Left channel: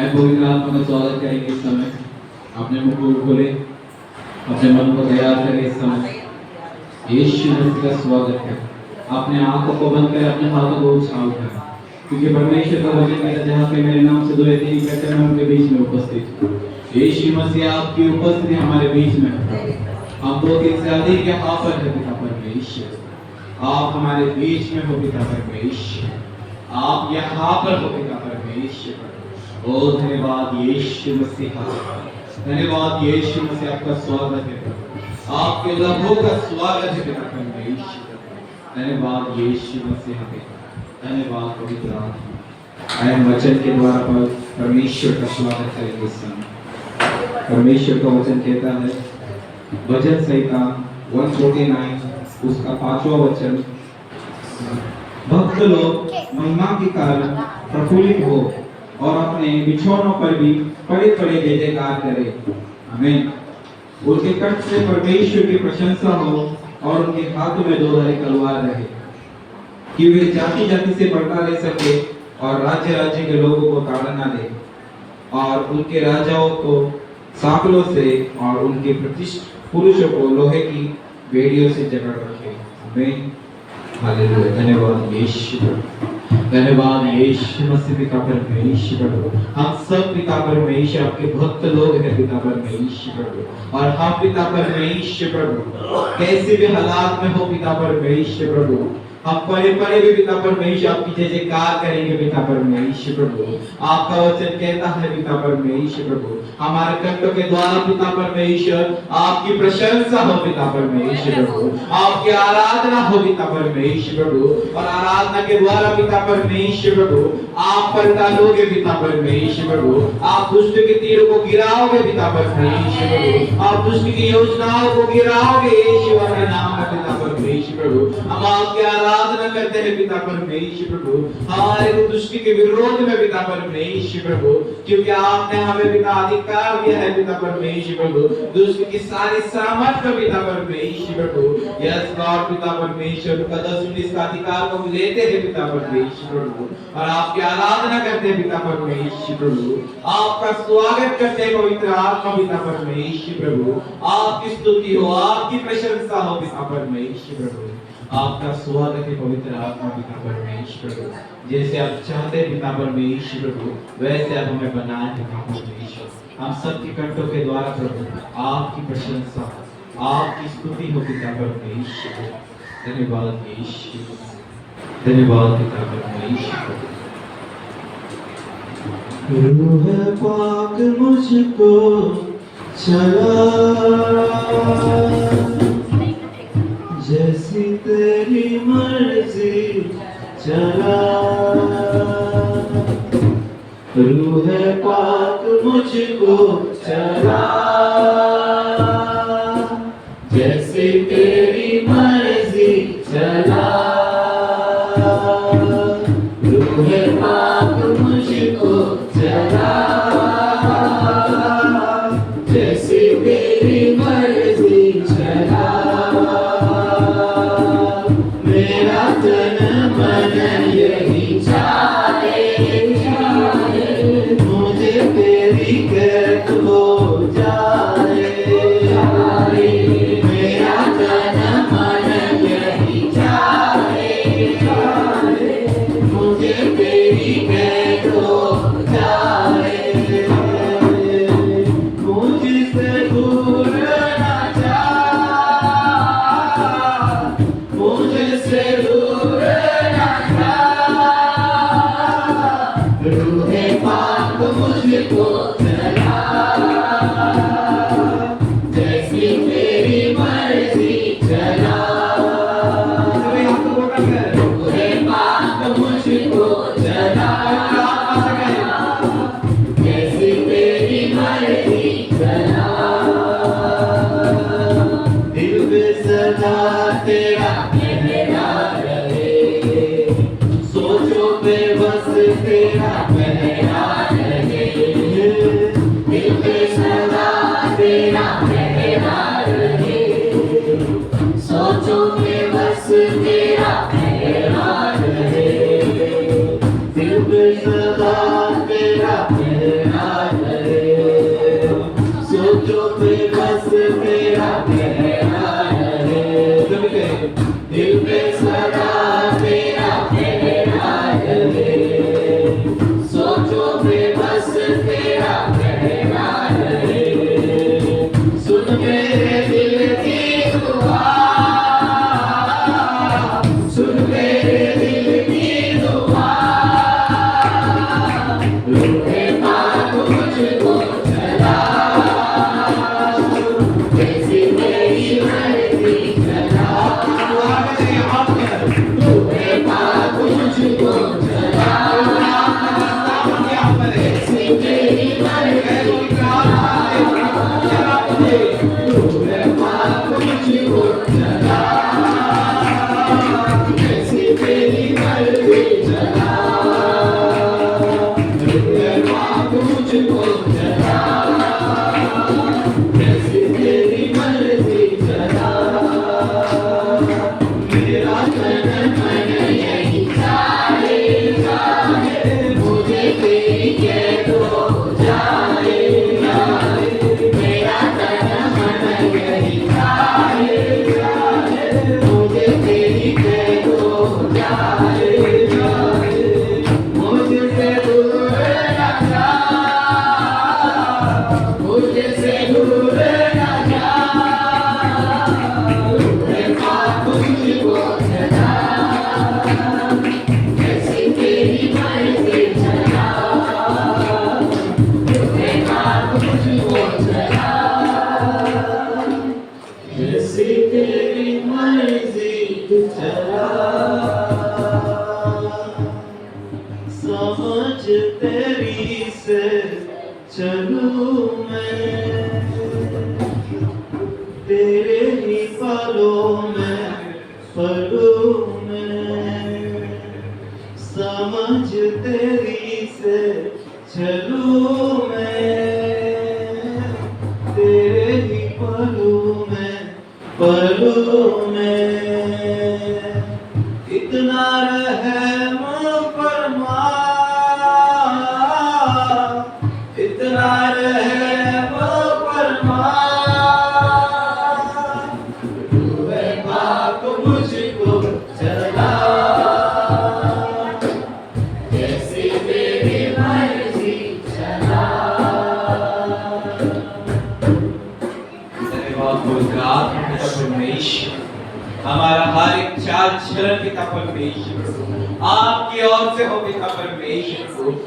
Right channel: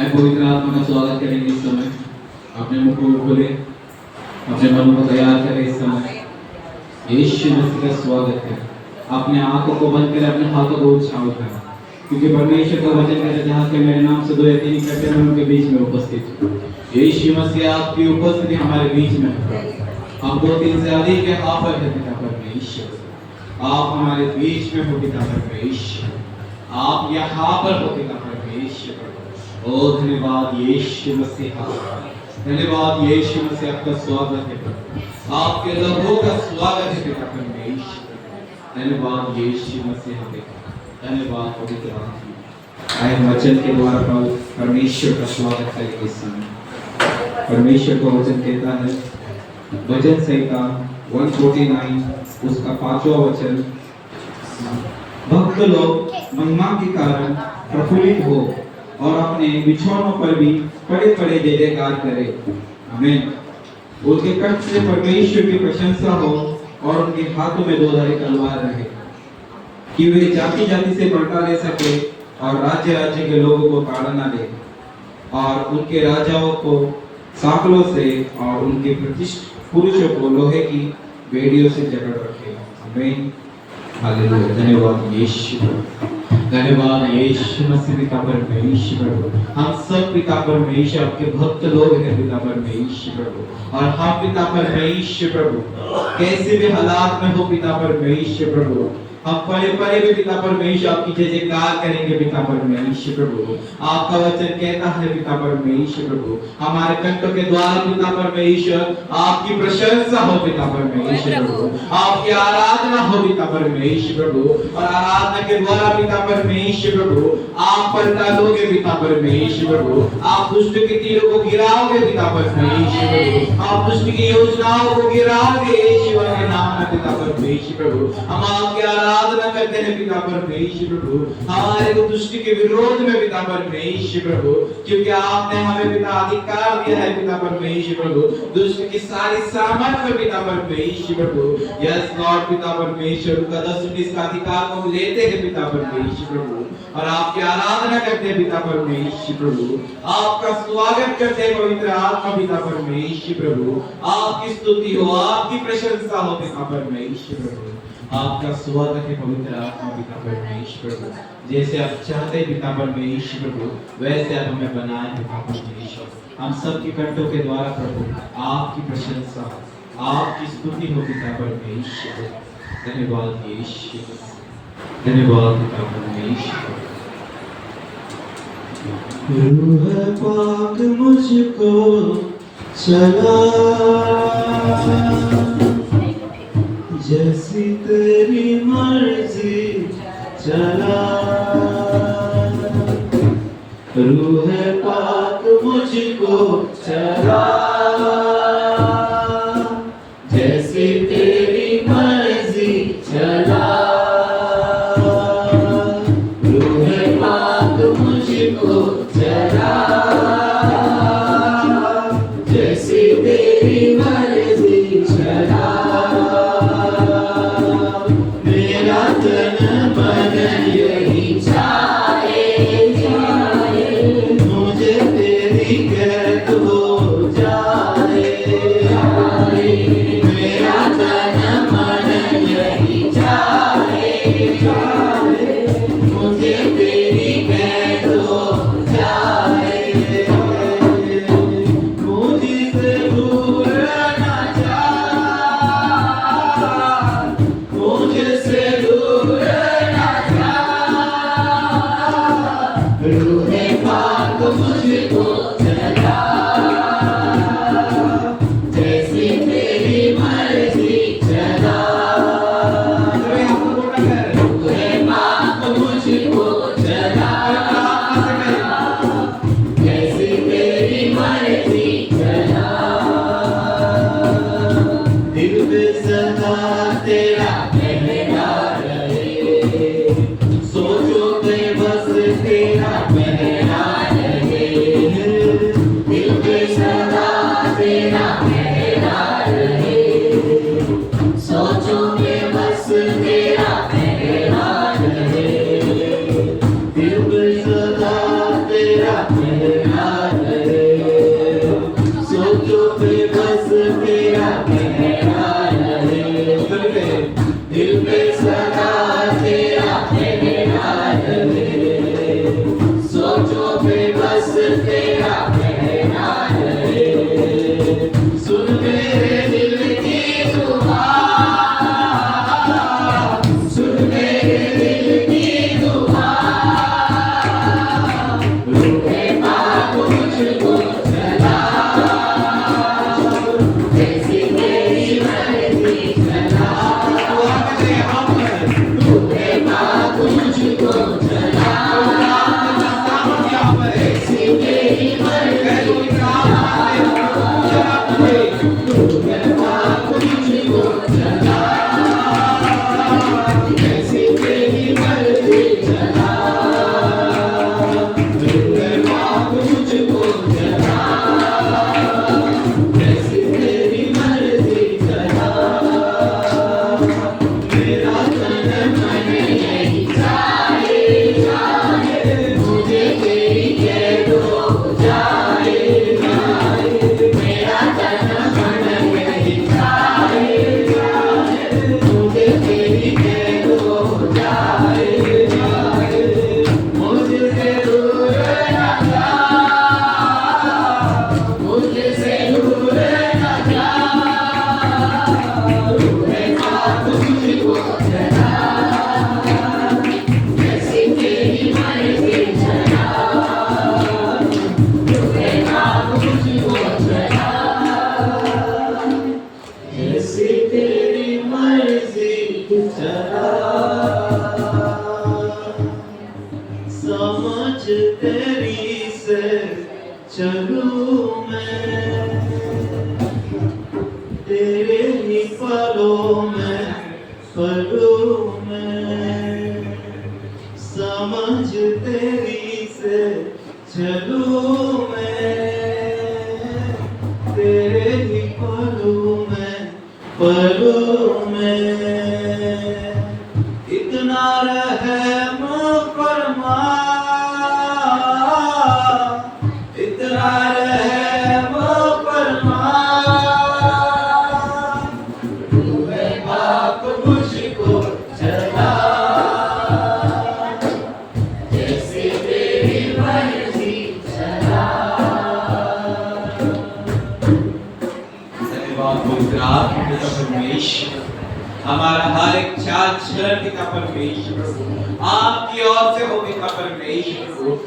आए पवित्र आत्मा का स्वागत करेंगे इस समय। अपने मुख को खोले, अपने मन को तैयार करें इस समय। यीशु मसीह का स्वागत है। अपने आंखों को बंद करें, अपने हाथों को ऊंचा उठाएं, क्योंकि परमेश्वर का वचन कहता है जहाँ से मेरे नाम से दो या तीन इकट्ठे हैं, मैं उनके बीच में उपस्थित हूँ। यीशु मसीह आपकी उपस्थिति हमारे बीच में है। हम दो तीन से अधिक यहाँ पर है पिता परमेश्वर। आप हमारे बीच में हो पिता परमेश्वर। आप यहाँ पर हो पिता परमेश्वर। ओ धन्यवाद यीशु मसीह, धन्यवाद यीशु मसीह, आपका स्वागत है प्रभु। आपके लहू का स्वागत है पिता परमेश्वर। धन्यवाद यीशु मसीह, धन्यवाद पवित्र आत्मा। आए वचन के द्वारा परमेश्वर का स्वागत करेंगे इस समय। परमेश्वर का वचन कहता है, भजन संहिता 149 उसका 5वां वचन, भक्त लोग महिमा के कारण प्रफुल्लित हो और अपने बिछौनों पर भी पड़े पड़े जय जयकार करें। आमीन। उनके कष्ट से परमेश्वर की प्रशंसा हो और उनके हाथों में दो धारी तलवार रहे, कि वे जाति जाति से बर्ता ले सके और राज्य राज्य के लोगों को ताड़ा न दे, और उनके राजाओं को सांकलों से और उनके प्रतिष्ठित पुरुषों को लोहे की बेड़ियों से जकड़ रखे। आमीन। हालेलुया। धन्यवाद यीशु, धन्यवाद यीशु मसीह पिता परमेश्वर। हम सब पिता परमेश्वर आपके भक्त लोग हैं पिता परमेश्वर, और हम पिता परमेश्वर प्रभु कैसे भी हालात में हो पिता परमेश्वर प्रभु, हम परे परे भी पिता परमेश्वर आपकी जय जयकार करेंगे पिता परमेश्वर प्रभु। आपका वचन कहता है पिता परमेश्वर प्रभु, हमारे कंठों के द्वारा पिता परमेश्वर आपकी प्रशंसा हो पिता परमेश्वर प्रभु, आपकी आराधना हो पिता परमेश्वर प्रभु, और आराधना के द्वारा पिता परमेश्वर प्रभु आप पलटा लोगे पिता परमेश्वर प्रभु। आप दुष्ट के तीरों को गिराओगे पिता परमेश्वर प्रभु, आप दुष्ट की योजनाओं को गिराओगे यीशु के नाम में पिता परमेश्वर प्रभु। हम आपकी आराधना करते हैं पिता परमेश्वर प्रभु, हमारे को दुष्ट के विरोध में पिता परमेश्वर प्रभु, क्योंकि आपने हमें पिता अधिकार दिया है पिता परमेश्वर प्रभु, दुष्ट की सारी सामर्थ में पिता परमेश्वर प्रभु। यस गॉड पिता परमेश्वर का 10-19 का अधिकार को हम लेते हैं पिता परमेश्वर प्रभु, और आपकी आराधना करते हैं पिता परमेश्वर प्रभु। आपका स्वागत करते हैं पवित्र आत्मा पिता परमेश्वर प्रभु। आपकी स्तुति हो, आपकी प्रशंसा हो पिता परमेश्वर प्रभु। आपका स्वागत है पवित्र आत्मा पिता परमेश्वर प्रभु। जैसे आप चाहते हैं पिता परमेश्वर प्रभु, वैसे आप हमें बनाए पिता परमेश्वर। हम सब के कंठों के द्वारा प्रभु आपकी प्रशंसा, आपकी स्तुति हो पिता परमेश्वर। धन्यवाद यीशु, धन्यवाद पिता परमेश्वर। रूह पाक मुझको चला, जैसी तेरी मर्जी चला। रूह पाक मुझको चला, जैसी तेरी मर्जी चला। रूह पाक मुझको चला, जैसी तेरी मर्जी चला। मेरा तन मन यही चाहे, मुझे तेरी कैद हो जाए। मेरा तन मन यही चाहे, मुझे तेरी कैद हो जाए। मुझसे दूर न जा, मुझसे दूर न जा। रूह पाक मुझको चला, जैसी तेरी मर्जी चला। रूह पाक मुझको चला, जैसी तेरी मर्जी चला। दिल में सदा तेरा कहना रहे, सोचो पे बस तेरा कहना रहे। दिल में सदा तेरा कहना रहे, सोचो पे बस तेरा कहना रहे। दिल में सदा तेरा कहना समझ तेरी से चलूं मैं, तेरे ही पलों में पलूं मैं, समझ तेरी से चलूं मैं, तेरे ही पलों में पलूं मैं। इतना रहम फरमा, इतना रहम फरमा, तूने पाक मुझको चला, जैसे तेरी मर्जी चला। धन्यवाद पवित्र आत्मा पिता परमेश्वर, हमारा हर एक चाल चलन पिता परमेश्वर, आपकी ओर से हो पिता परमेश्वर,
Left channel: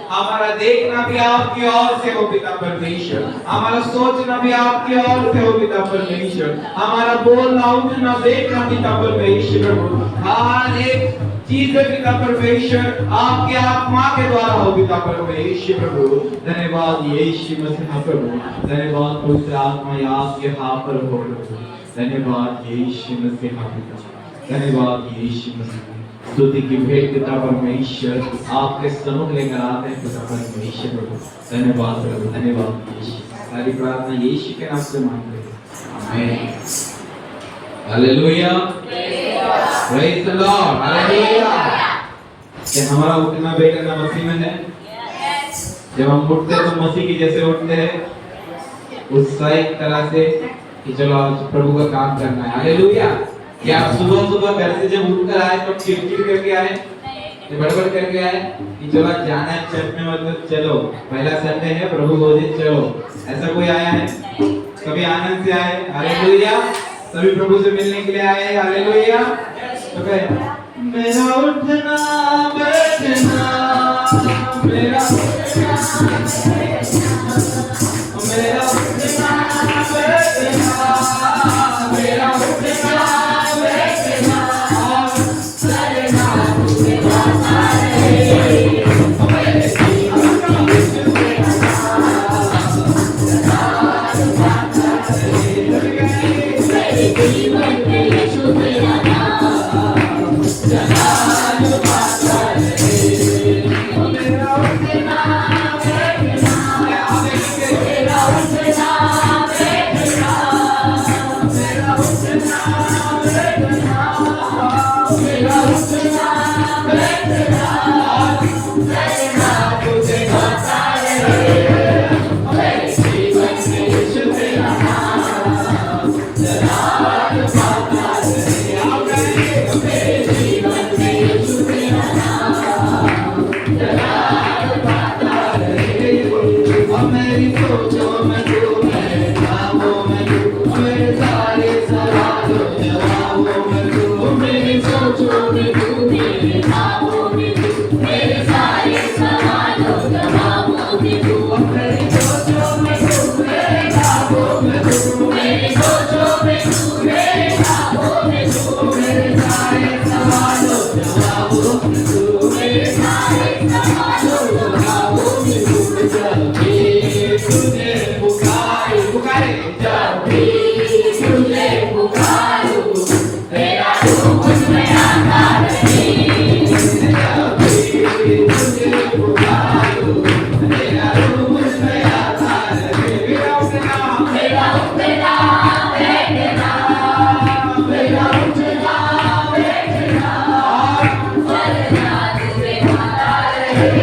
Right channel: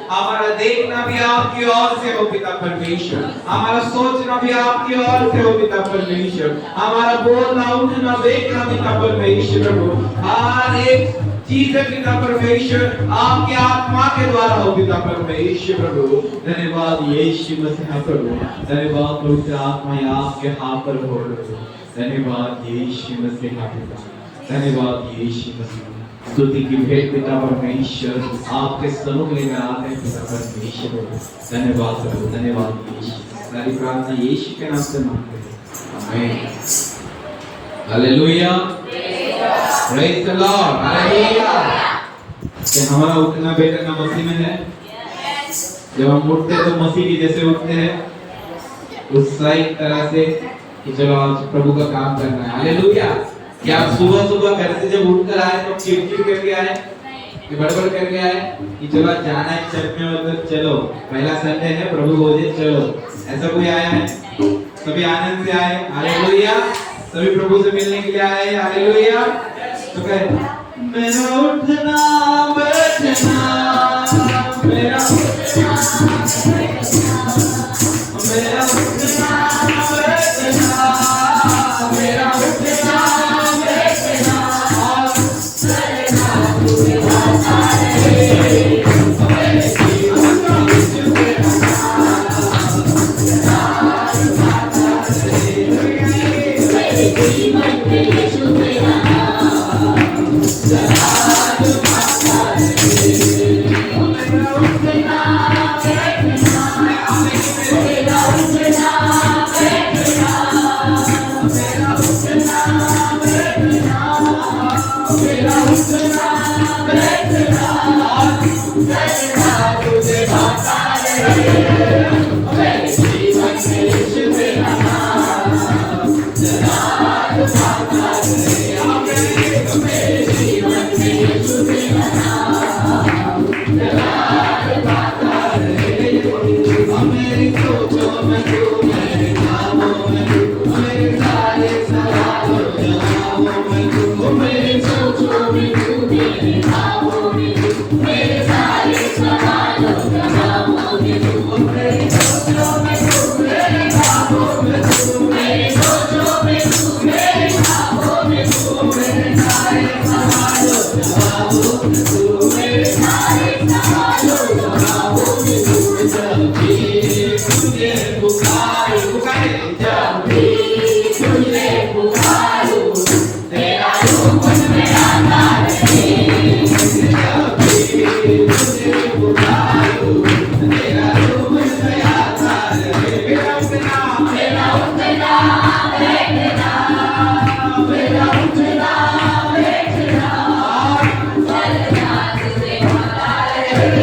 हमारा देखना भी आपकी ओर से हो पिता परमेश्वर, हमारा सोचना भी आपकी ओर से हो पिता परमेश्वर, हमारा बोलना उठना बैठना पिता परमेश्वर, हर एक चीज पिता परमेश्वर आपके आत्मा के द्वारा हो पिता परमेश्वर। धन्यवाद यीशु मसीह प्रभु, धन्यवाद पवित्र आत्मा आपके हाथ पर हो प्रभु, धन्यवाद यीशु मसीह पिता, धन्यवाद यीशु मसीह। स्तुति की भेंट पिता परमेश्वर आपके सम्मुख लेकर आते हैं पिता परमेश्वर, धन्यवाद प्रभु, धन्यवाद यीशु। सारी प्रार्थना यीशु के नाम से मांगते हैं, आमीन। Hallelujah, praise the Lord, hallelujah. क्या हमारा उठना बैठना मसीह में है? जब हम उठते हैं तो मसीह की जैसे उठते हैं, उत्साहित तरह से कि चलो आज प्रभु का काम करना है, हालेलुया। क्या आप सुबह सुबह घर से जब उठकर आए तो चिड़चिड़ करके आए कि बड़बड़ करके आए कि चलो जाना है चर्च में, मतलब चलो पहला संडे है प्रभु भोजन चलो, ऐसा कोई आया है? सभी आनंद से आए, हालेलुया। सभी प्रभु से मिलने के लिए आए, हालेलुया। तो कहे मेरा उठना बैठना, मेरा उठना मेरा उठना बैठना, मेरा उठना बैठना और चलना तुझे आता है। मेरे जीवन का यीशु तेरा मेरे जीवन के यीशु तेरा नाम जलाल पाता है। मेरा उठना बैठना, मेरा उठना बैठना, मेरा उठना बैठना, मेरा उठना बैठना चलना तुझे आता है। मेरे जीवन के यीशु तेरा नाम जलाल पाता है। मेरे जीवन के यीशु तेरा नाम जलाल पाता है। मेरी सोचों में तू, मेरे कामों में तू, मेरे सारे सवालों जवाबों में तू, मेरी सोचों में तू, मेरे कामों में तू, मेरे सारे सवालों जवाबों में तू, मेरी सोचों में तू, मेरे कामों में तू, मेरी सोचों में तू, मेरे कामों में तू, मेरे सारे सवालों जवाबों में तू, मेरे सारे सवालों जवाबों में तू। जब भी तुझे पुकारूं, पुकारे जब भी तुझे पुकारूं, तेरा रूप मुझ में आता रहे। जब भी तुझे पुकारूं, तेरा रूप मुझ में आता रहे। मेरा उठना, मेरा उठना बैठना, मेरा उठना बैठना चलना तुझे आता रहे।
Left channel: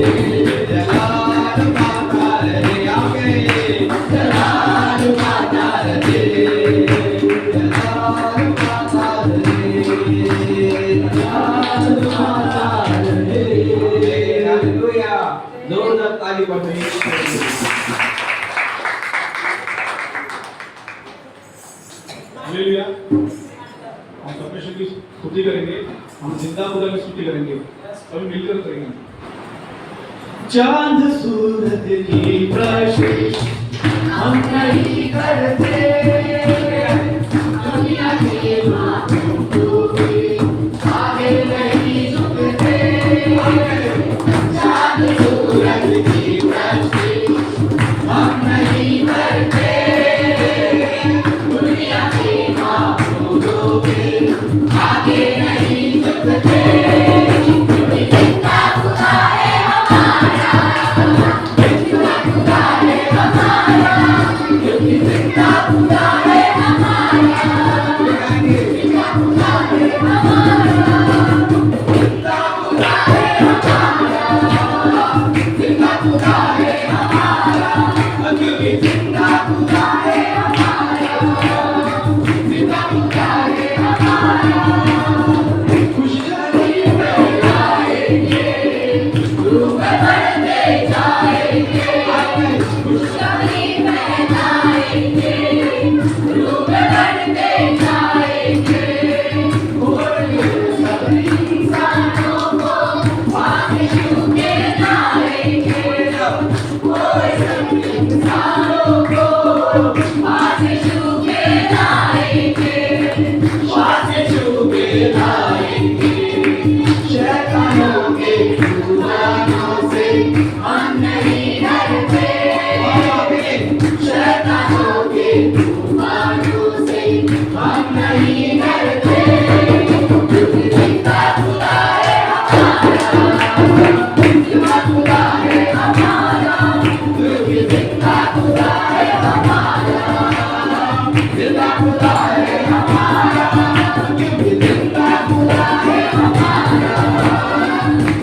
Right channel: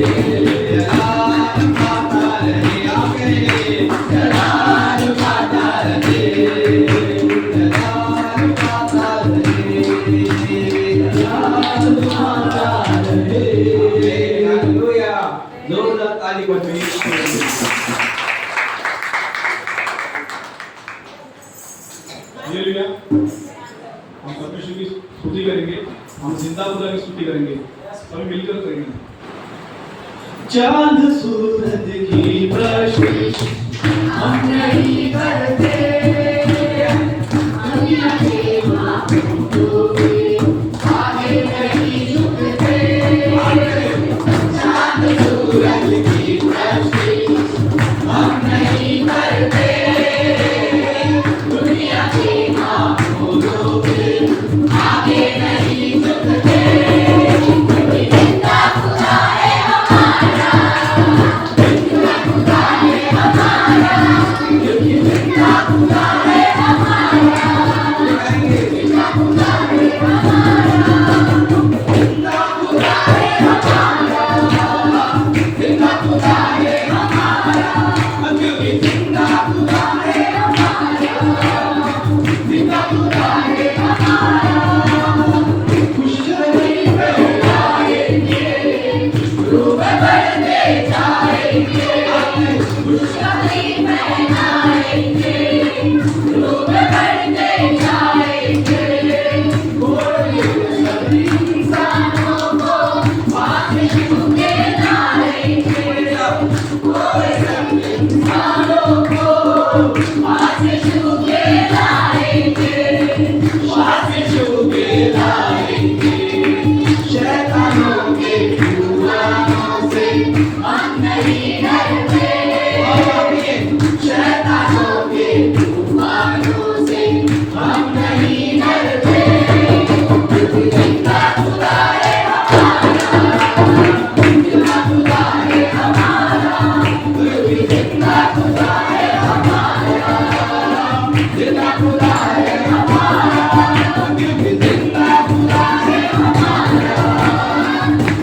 जलाल पाता रहे आगे जलाल पाता रहे जलाल पाता रहे जलाल पाता रहे हालेलुया जोरदार ताली बजाइए हालेलुया हम परमेश्वर की स्तुति करेंगे हम जिंदा खुदा की स्तुति करेंगे सभी मिलकर करेंगे चांद सूरज की प्रकाश हम नहीं करते दुनिया के महबूबों के आगे नहीं झुकते चांद सूरज की रोशनी हम नहीं करते दुनिया के महबूबों के आगे नहीं झुकते क्योंकि जिंदा खुदा है हमारा जिंदा खुदा है हमारा क्योंकि जिंदा खुदा है हमारा जिंदा खुदा है हमारा जिंदा खुदा है हमारा जिंदा खुदा है हमारा क्योंकि जिंदा खुदा है हमारा जिंदा खुदा है हमारा खुशखबरी में आएंगे रूप बढ़ते जाएंगे खुशखबरी में आएंगे रूप बढ़ते जाएंगे बोले सभी इंसानों को आशिकों के लाएंगे कोई सभी इंसानों को आशिकों के लाएंगे आशिकों के लाएंगे शैतानों के फूलों से हम नहीं डरते शैतानों के फूलों से हम नहीं डरते क्योंकि जिंदा खुदा है हमारा जिंदा खुदा है हमारा क्योंकि जिंदा खुदा है हमारा जिंदा खुदा है हमारा क्योंकि जिंदा खुदा है हमारा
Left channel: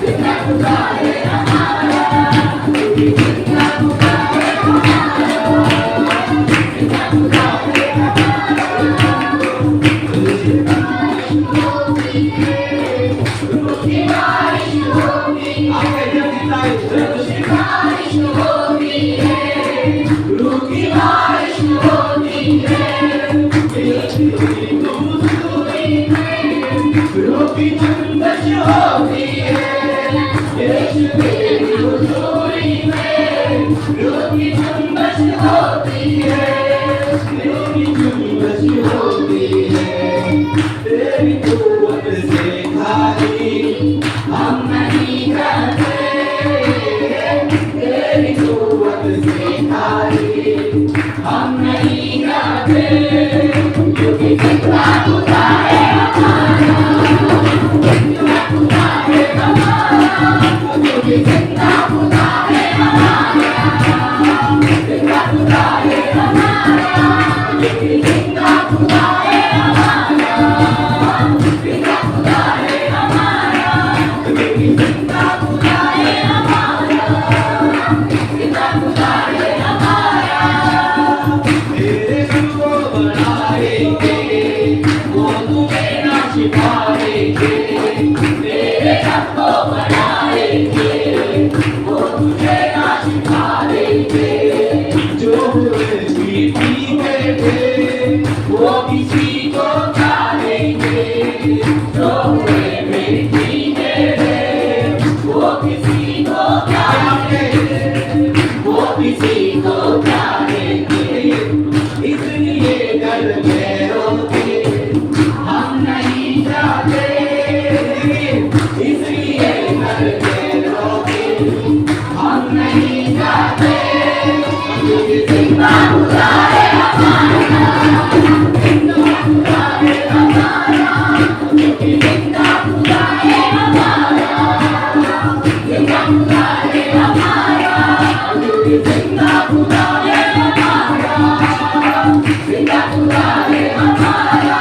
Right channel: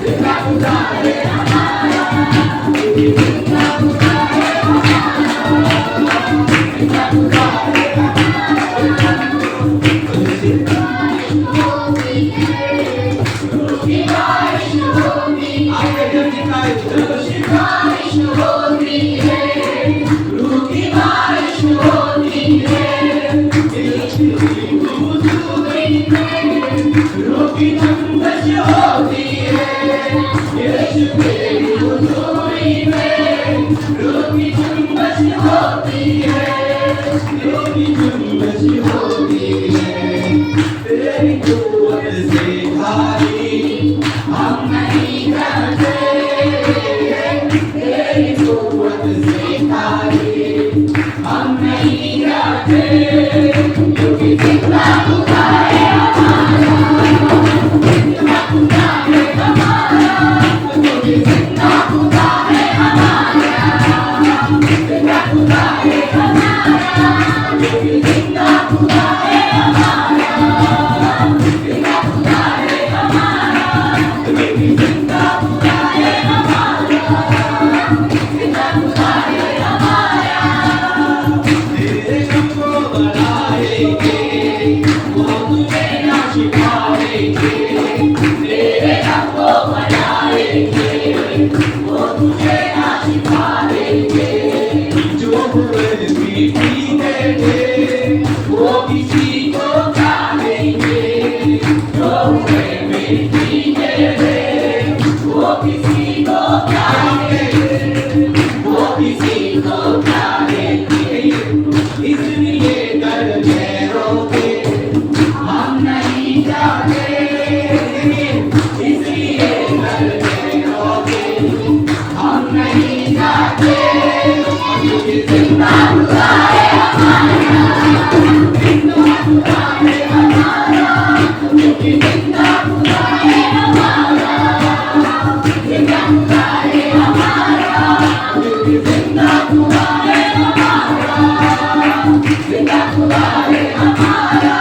जिंदा खुदा है हमारा क्योंकि जिंदा खुदा है हमारा जिंदा खुदा है रोशनी बारिश होती है रोशनी बारिश होती है रूह की बारिश होती है रूह की जुम्बश होती है यीशु तेरी हुजूरी में रूह की जुम्बश होती है रूह की जुम्बश होती है तेरी कुव्वत से भारी हम नहीं डरते तेरी कुव्वत से भारी हम नहीं डरते क्योंकि जिंदा खुदा है हमारा जिंदा खुदा है हमारा क्योंकि जिंदा खुदा है हमारा जिंदा खुदा है हमारा क्योंकि जिंदा खुदा है हमारा जिंदा खुदा है हमारा क्योंकि जिंदा खुदा है हमारा जिंदा खुदा है हमारा तेरे नाम को बढ़ाएंगे वो तुम्हें ना छिपाएंगे तेरे नाम को बढ़ाएंगे वो तुझे ना छिपा देंगे जो हुए मिट्टी के थे वो किसी को जानेंगे जो हुए मिट्टी के थे वो किसी को जानेंगे वो किसी को जानेंगे इसलिए डर के हम नहीं जाते इसलिए डर के हम नहीं जाते क्योंकि जिंदा खुदा है हमारा जिंदा खुदा है हमारा क्योंकि जिंदा खुदा है हमारा जिंदा खुदा है हमारा क्योंकि जिंदा खुदा है हमारा जिंदा खुदा है हमारा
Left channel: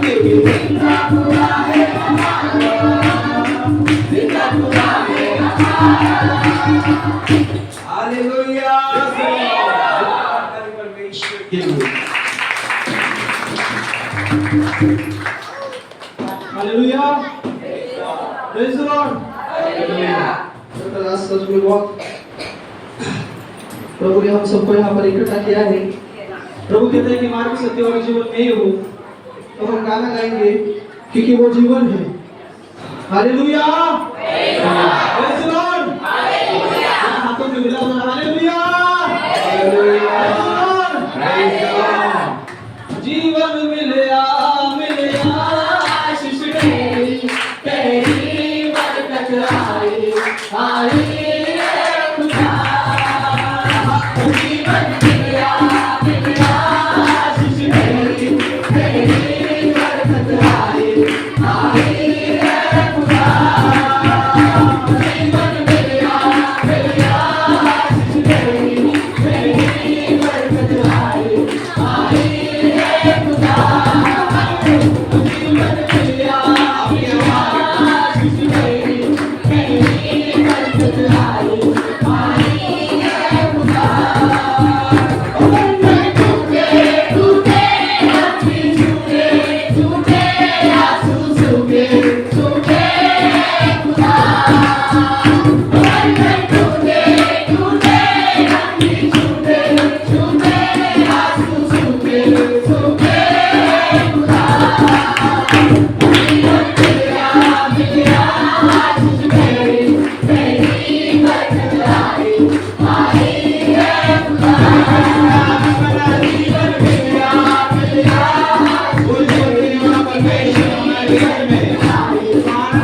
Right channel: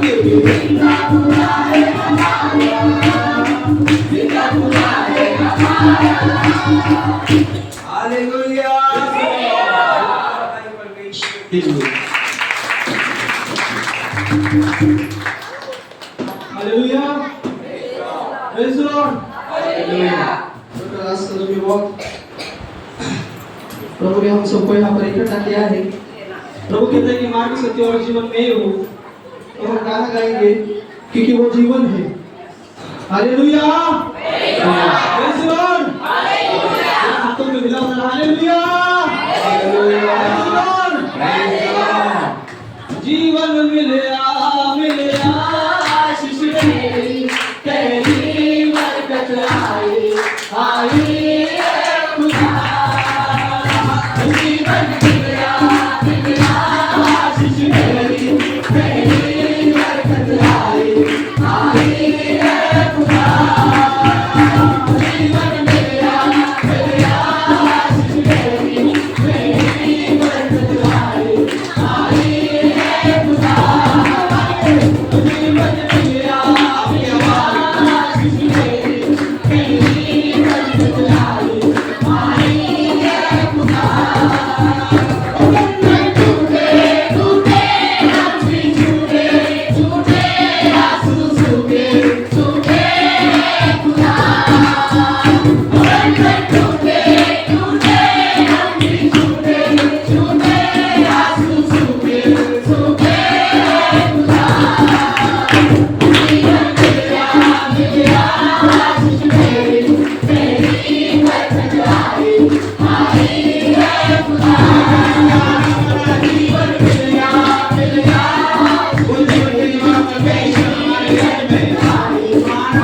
क्योंकि जिंदा खुदा है हमारा जिंदा खुदा है हमारा हालेलुया परमेश्वर के लिए हालेलुया प्रेज द लॉर्ड आज सच में बहुत प्रभु ने हम सबको यहाँ पर इकट्ठा किया है। प्रभु कहता है कि मार्ग सत्य और जीवन में ही हो, तो हम गाना गाएंगे क्योंकि वो जीवन है। हालेलुया प्रेज द लॉर्ड हाथों में मिला हालेलुया जीवन मिलया मिलया आशीष तेरी बरकत आई आई खुदा जीवन मिलया मिलया आशीष तेरी बरकत आई आई खुदा जीवन मिलया मिलया आशीष तेरी बरकत आई आई खुदा जीवन मिलया मिलया आशीष तेरी बरकत आई आई खुदा टूटे टूटे हाथी झूठे झूठे आंसू सूखे झूठे खुदा टूटे टूटे हाथी झूठे झूठे आंसू सूखे सूखे खुदा जीवन मिलया मिलया आशीष तेरी बरकत आई आई खुदा जीवन मिलया मिलया परमेश्वर हमारे घर में आई खुदा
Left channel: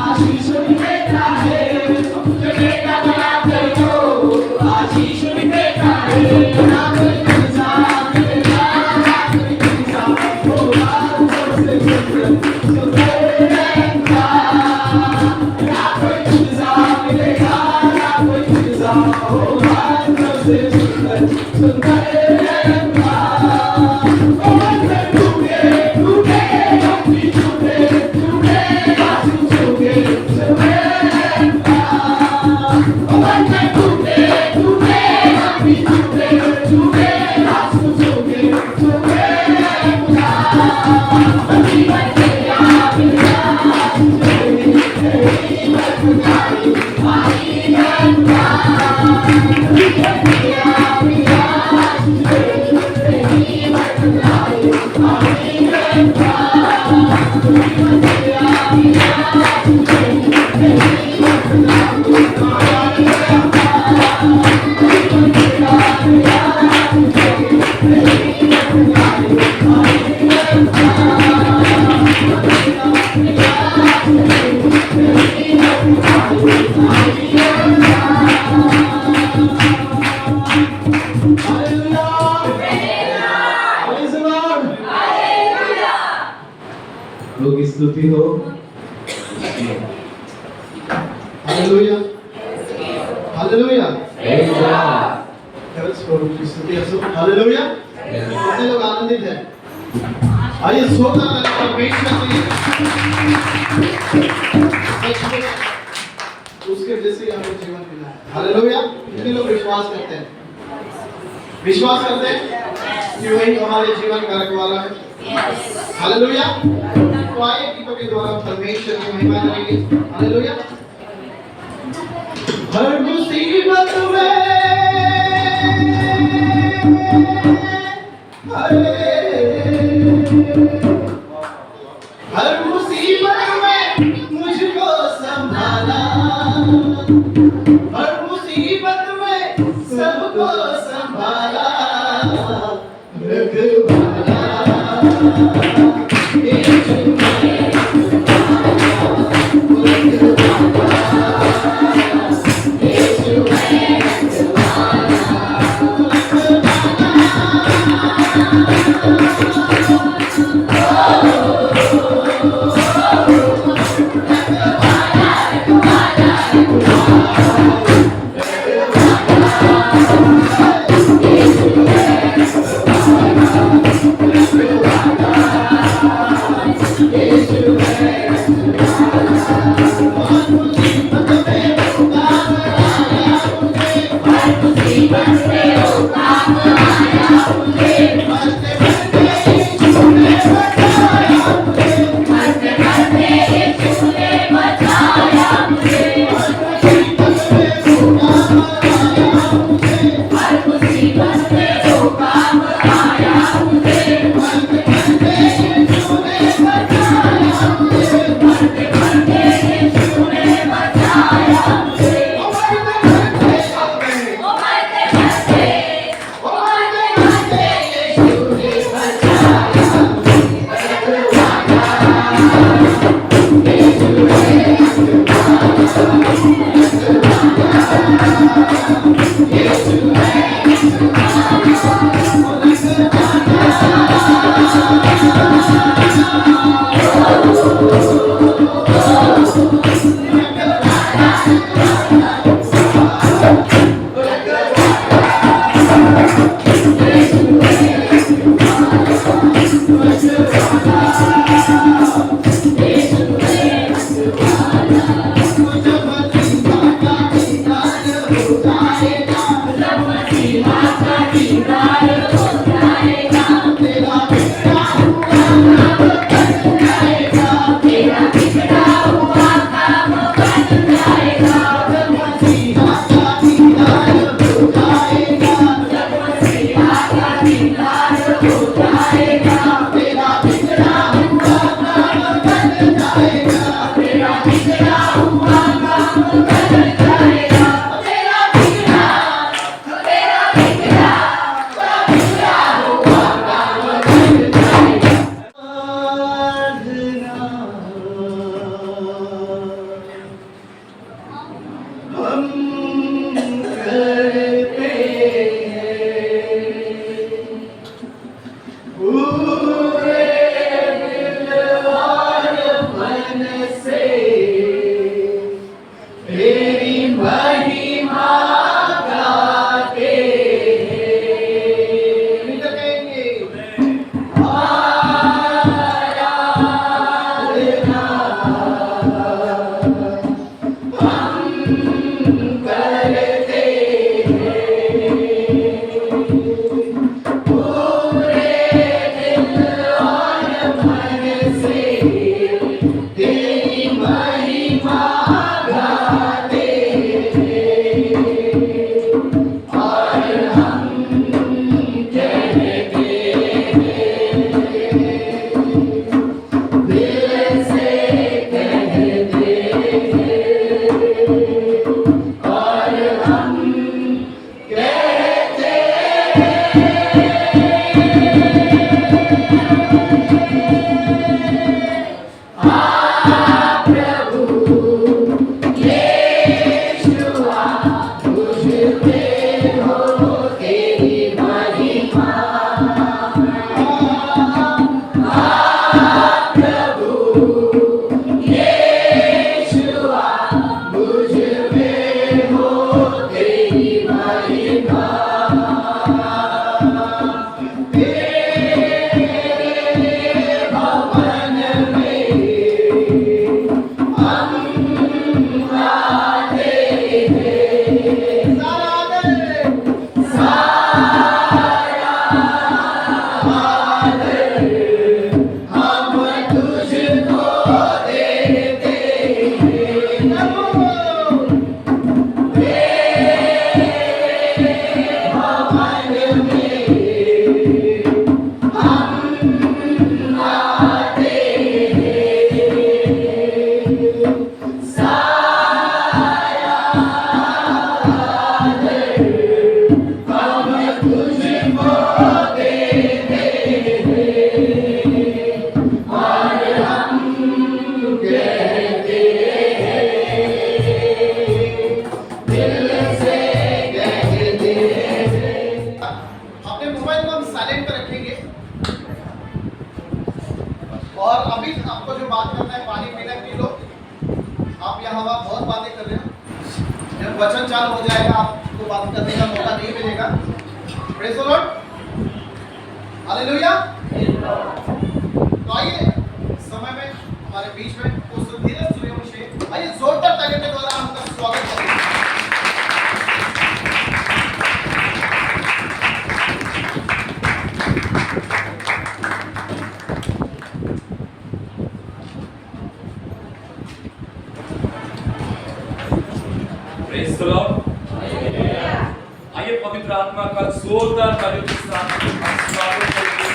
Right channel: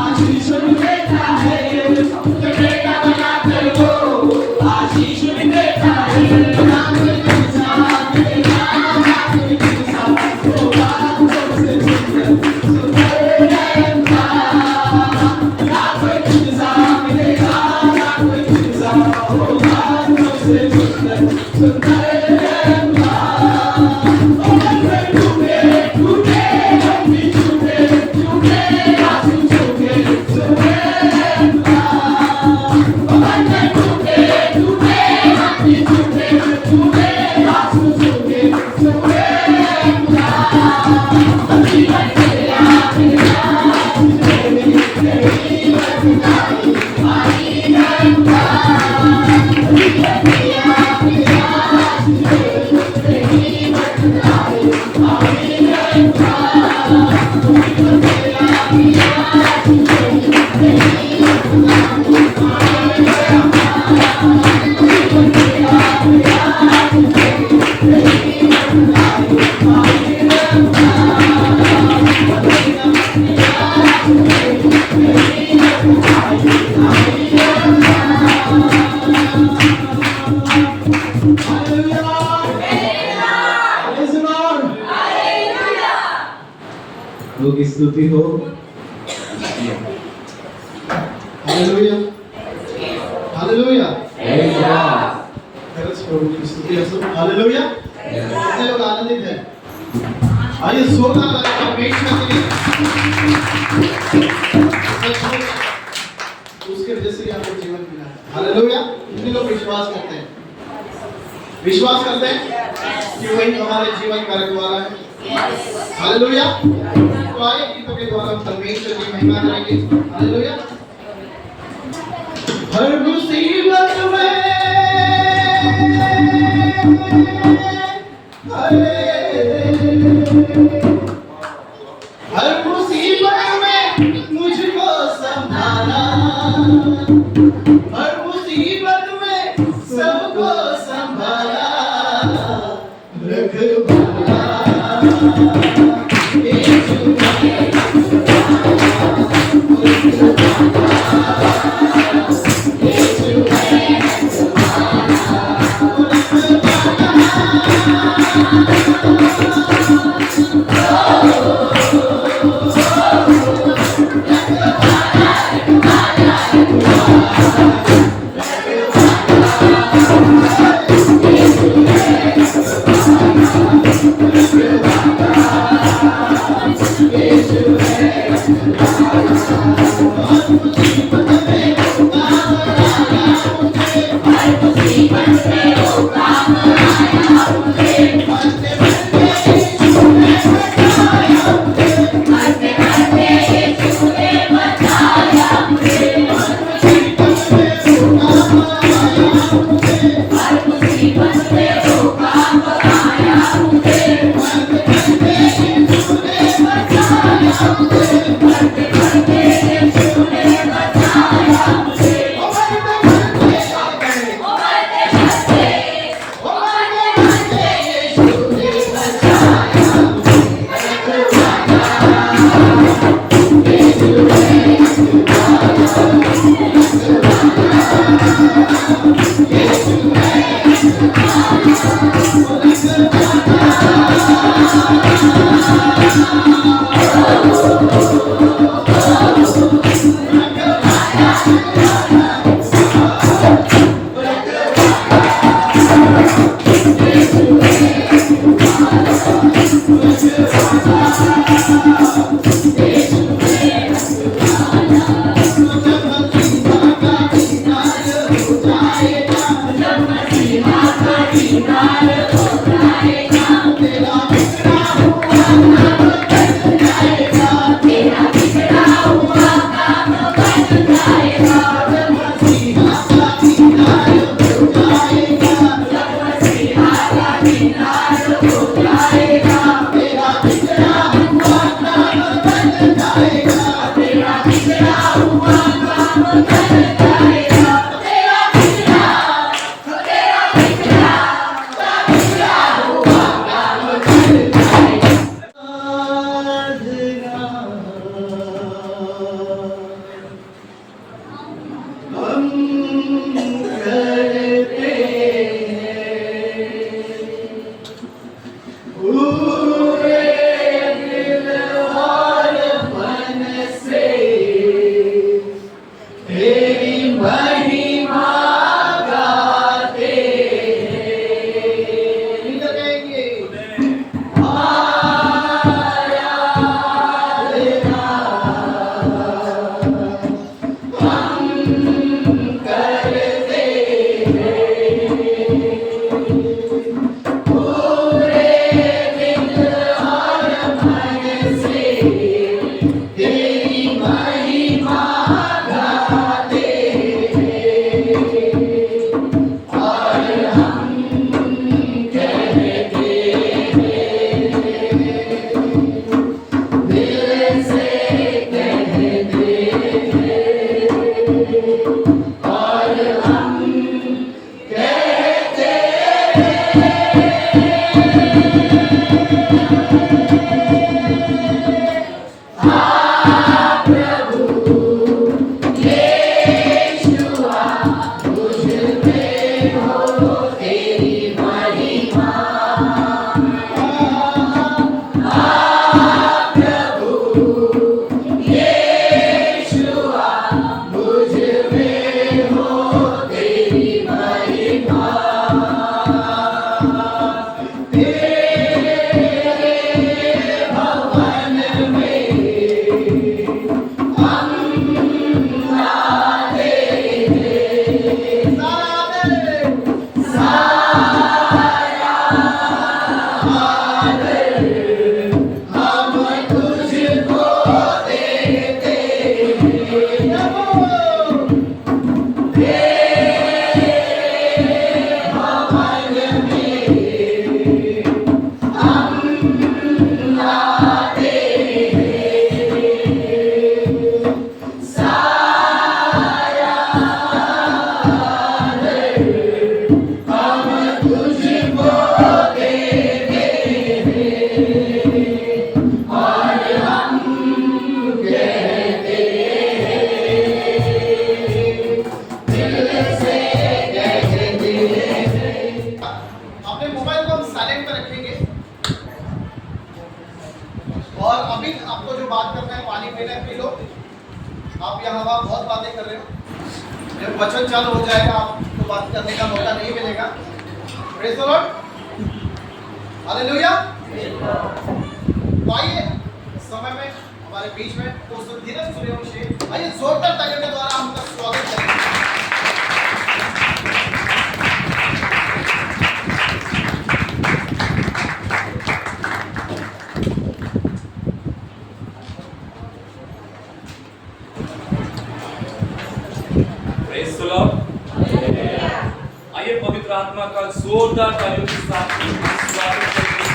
आशीष देता है, बेटा बना कर वो प्रभु की स्तुति हो। Hallelujah hallelujah Hallelujah. खरंच प्रभु की स्तुती असो। हालेलुया कितने लोग आनंदित हैं? आइए जोरदार तालियां पेश करते हैं। सचमुच उसके जैसे आपको जीवन मिला है। हालेलुया कितने लोग विश्वास करते हैं? विश्वास करते हैं कि वही हमारे जीवन का रखवाला है। हालेलुया तो आइए गीतों के द्वारा परमेश्वर की महिमा करेंगे। हालेलुया हर मुसीबत में हर मुसीबत में मुझको संभाला, हर मुसीबत में सबको संभाला, रखवाला अपने मोबाइल को हम साइलेंट पे रखेंगे और अभी आपको जो बात करना है पानी पीना पी लो। आप यहाँ वहाँ बहुत बातें कर रहे हो, जब वचन चालू हो जाएगा आपको बात करने का मौका नहीं मिलेगा। Praise the Lord, hallelujah. तो आइए समय में हमारे बीच में तो धीरज सूर्यवंशी, आइए जोरदार तालियों के द्वारा हम उनका स्वागत करेंगे। Praise the Lord. आइए पवित्र आत्मा का जोरदार तालियों के साथ हम स्वागत करेंगे।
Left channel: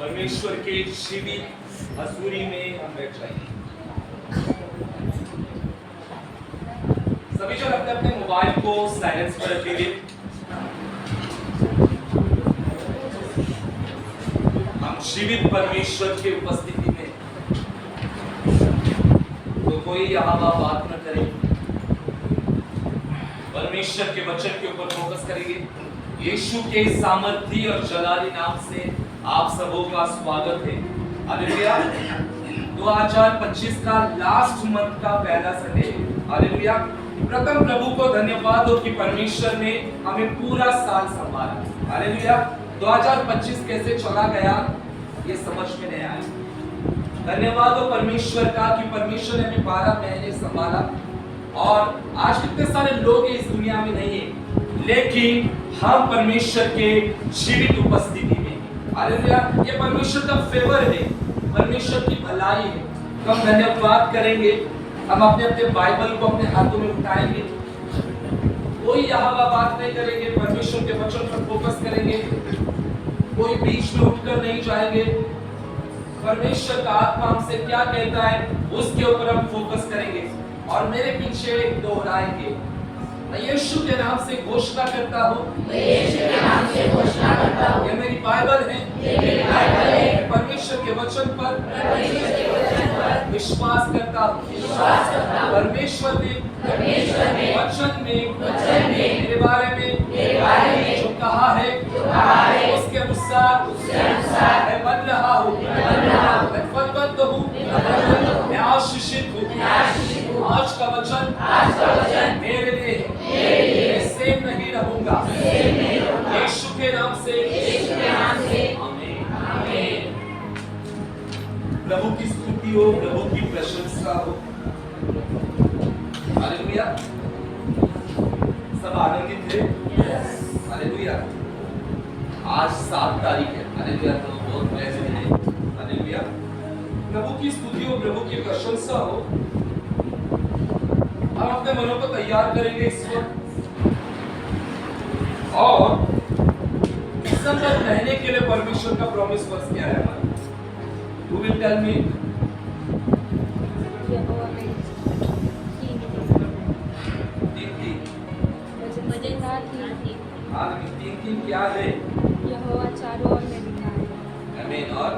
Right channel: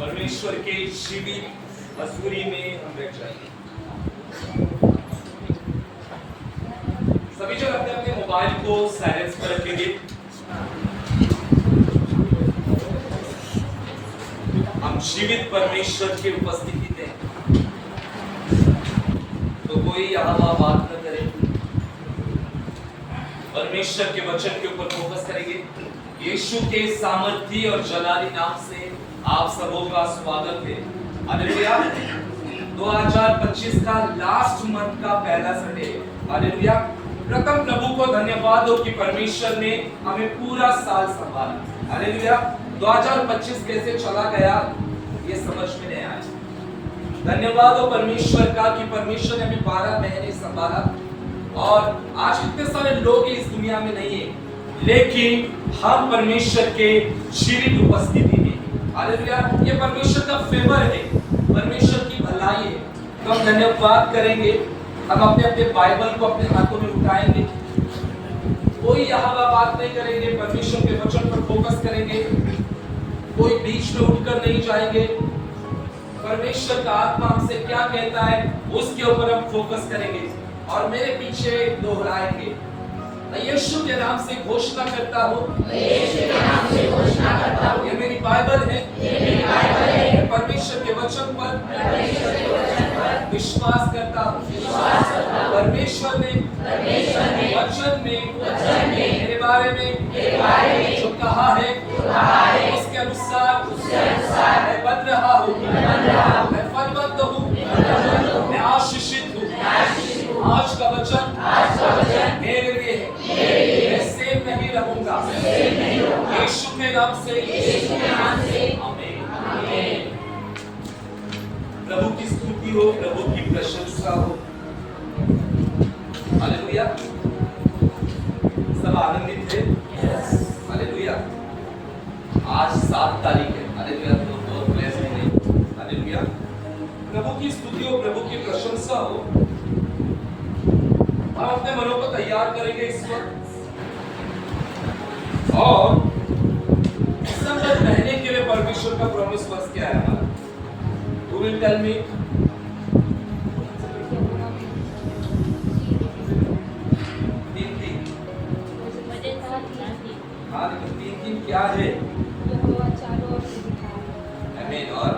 परमेश्वर के जीवित हजूरी में हम बैठ जाएंगे। सभी जन अपने अपने मोबाइल को साइलेंस पर रखेंगे। हम जीवित परमेश्वर की उपस्थिति में, तो कोई यहाँ वहाँ बात न करे, परमेश्वर के वचन के ऊपर फोकस करेंगे। यीशु के सामर्थी और जलाली नाम से आप सबों का स्वागत है। हालेलुया। 2025 का लास्ट मंथ का पहला संडे। हालेलुया। प्रथम प्रभु को धन्यवाद हो कि परमेश्वर ने हमें पूरा साल संभाला। हालेलुया। 2025 कैसे चला गया ये समझ में नहीं आया। धन्यवाद हो परमेश्वर का कि परमेश्वर ने हमें 12 महीने संभाला। और आज कितने सारे लोग इस दुनिया में नहीं है, लेकिन हम परमेश्वर के जीवित उपस्थिति में। हालेलुया। ये परमेश्वर का फेवर है, परमेश्वर की भलाई है। तो हम धन्यवाद करेंगे। हम अपने अपने बाइबल को अपने हाथों में उठाएंगे, कोई यहाँ बात नहीं करेंगे, परमेश्वर के वचन पर फोकस करेंगे, कोई बीच में उठकर नहीं जाएंगे। परमेश्वर का आत्मा हमसे क्या कहता है उसके ऊपर हम फोकस करेंगे और मेरे पीछे दोहराएंगे। मैं यीशु के नाम से घोषणा करता हूँ, ये मेरी बाइबल है, परमेश्वर के वचन पर विश्वास करता हूँ। परमेश्वर ने वचन में मेरे बारे में जो कहा है उसके अनुसार मैं बन रहा हूँ, मैं फलवंत हूँ, मैं आशीषित हूँ। आज का वचन मेरे लिए है, मैं सेम नहीं रहूंगा। यीशु के नाम से आमीन। प्रभु की स्तुति हो, प्रभु की प्रशंसा हो। हालेलुया। सब आनंदित है। हालेलुया। आज 7 तारीख है। हालेलुया। तो बहुत ब्लेस्ड है। हालेलुया। प्रभु की स्तुति हो, प्रभु की प्रशंसा हो। हम अपने मनों को तैयार करेंगे इस वक्त, और दिसंबर महीने के लिए परमेश्वर का प्रॉमिस वर्स क्या है हमारा? Who will tell me? तीन। हाँ, लेकिन 3 क्या है? आमीन। और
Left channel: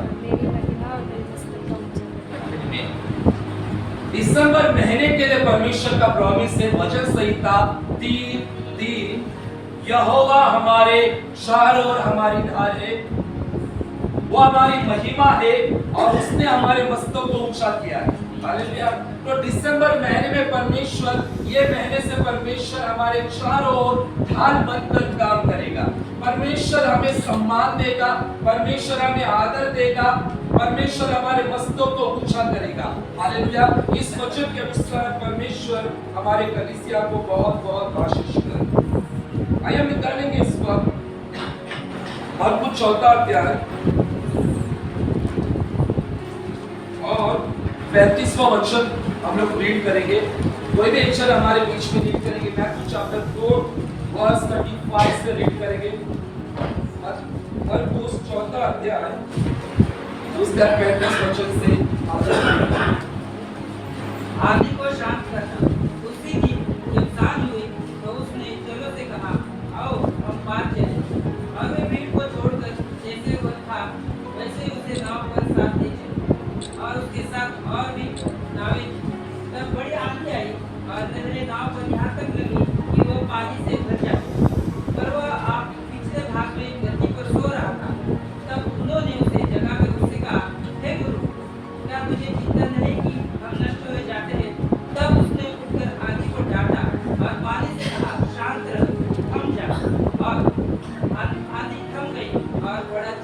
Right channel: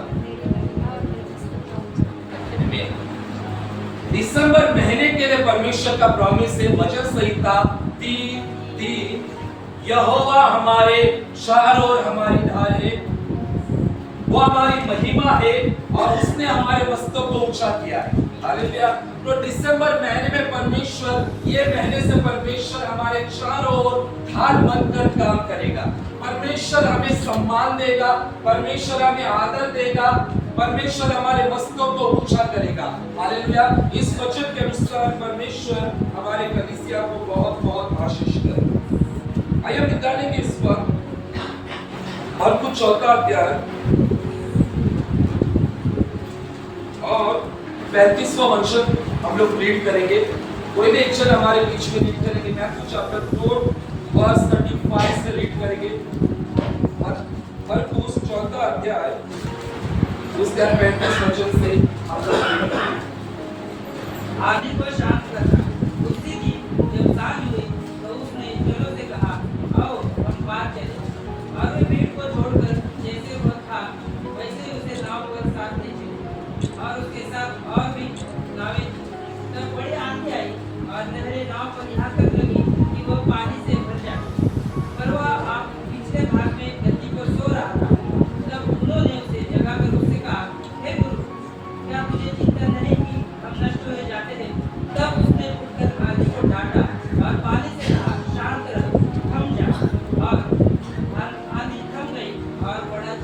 आमीन। दिसंबर महीने के लिए परमेश्वर का प्रॉमिस है, वचन संहिता 3:3, यहोवा हमारे शहर और हमारी ढाल है, वो हमारी महिमा है और उसने हमारे मस्तक को ऊंचा किया है। हालेलुया। तो दिसंबर महीने में परमेश्वर, ये महीने से परमेश्वर हमारे चारों ओर ढाल बनकर काम करेगा। परमेश्वर हमें सम्मान देगा, परमेश्वर हमें आदर देगा, परमेश्वर हमारे मस्तकों को ऊंचा करेगा। हालेलुया। इस वचन के अनुसार परमेश्वर हमारे कलीसिया को बहुत बहुत आशीष करे। आइए हम निकालेंगे इस वक्त मरकुस 4 अध्याय और 35वां वचन हम लोग रीड करेंगे। कोई भी एक जन हमारे बीच में रीड करेंगे। मैथ्यू चैप्टर 4 वर्स 35 से रीड करेंगे। मरकुस 4 अध्याय उसका 35 वचन से हम लोग रीड करेंगे। आंधी को शांत करना। उसी दिन जब सांझ हुई तो उसने चेलों से कहा, आओ हम पार चलें। और वे भीड़ को छोड़कर जैसे वो था वैसे ही उसे नाव पर साथ ले चले। और उसके साथ और भी नावें थीं। तब बड़ी आंधी आई और लहरें नाव पर यहाँ तक लगी कि वो पानी से भर जाती। पर वह आप पिछले भाग में गद्दी पर सो रहा था। तब उन्होंने उसे जगाकर उससे कहा, हे गुरु, क्या तुझे चिंता नहीं कि हम नष्ट हो जाते हैं? तब उसने उठकर आंधी को डांटा और पानी से कहा, शांत रहो, थम जा। और आंधी थम गई और बड़ा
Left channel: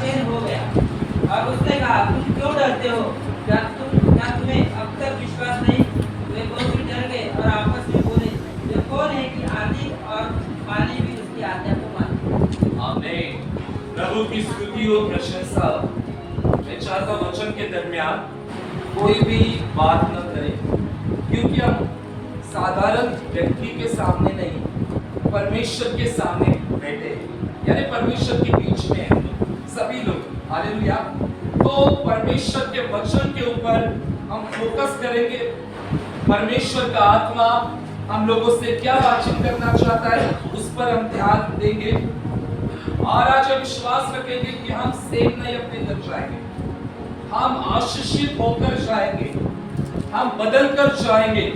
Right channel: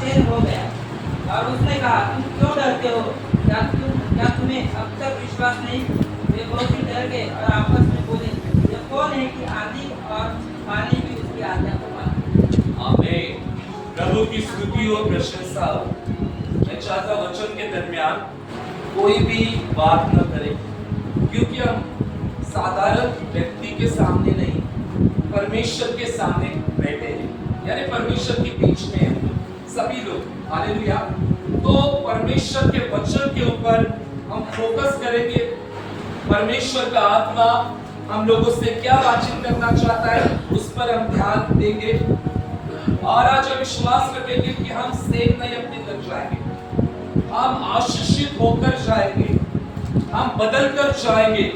चैन हो गया। और उसने कहा, तुम क्यों डरते हो? क्या तुम्हें अब तक विश्वास नहीं? वे बहुत ही डर गए और आपस में बोले, ये कौन है कि आंधी और पानी भी उसकी आज्ञा को मानते? आमीन। प्रभु की स्तुति और प्रशंसा। मैं चाहता वचन के दरमियान कोई भी बात न करे, क्योंकि हम साधारण व्यक्ति के सामने नहीं, परमेश्वर के सामने बैठे हैं, यानी परमेश्वर के बीच में हैं सभी लोग। हालेलुया। तो परमेश्वर के वचन के ऊपर हम फोकस करेंगे। परमेश्वर का आत्मा हम लोगों से क्या बातचीत करना चाहता है, उस पर हम ध्यान देंगे। और आज हम विश्वास रखेंगे कि हम सेव नहीं अपने घर जाएंगे, हम आशीषित होकर जाएंगे, हम बदल कर जाएंगे,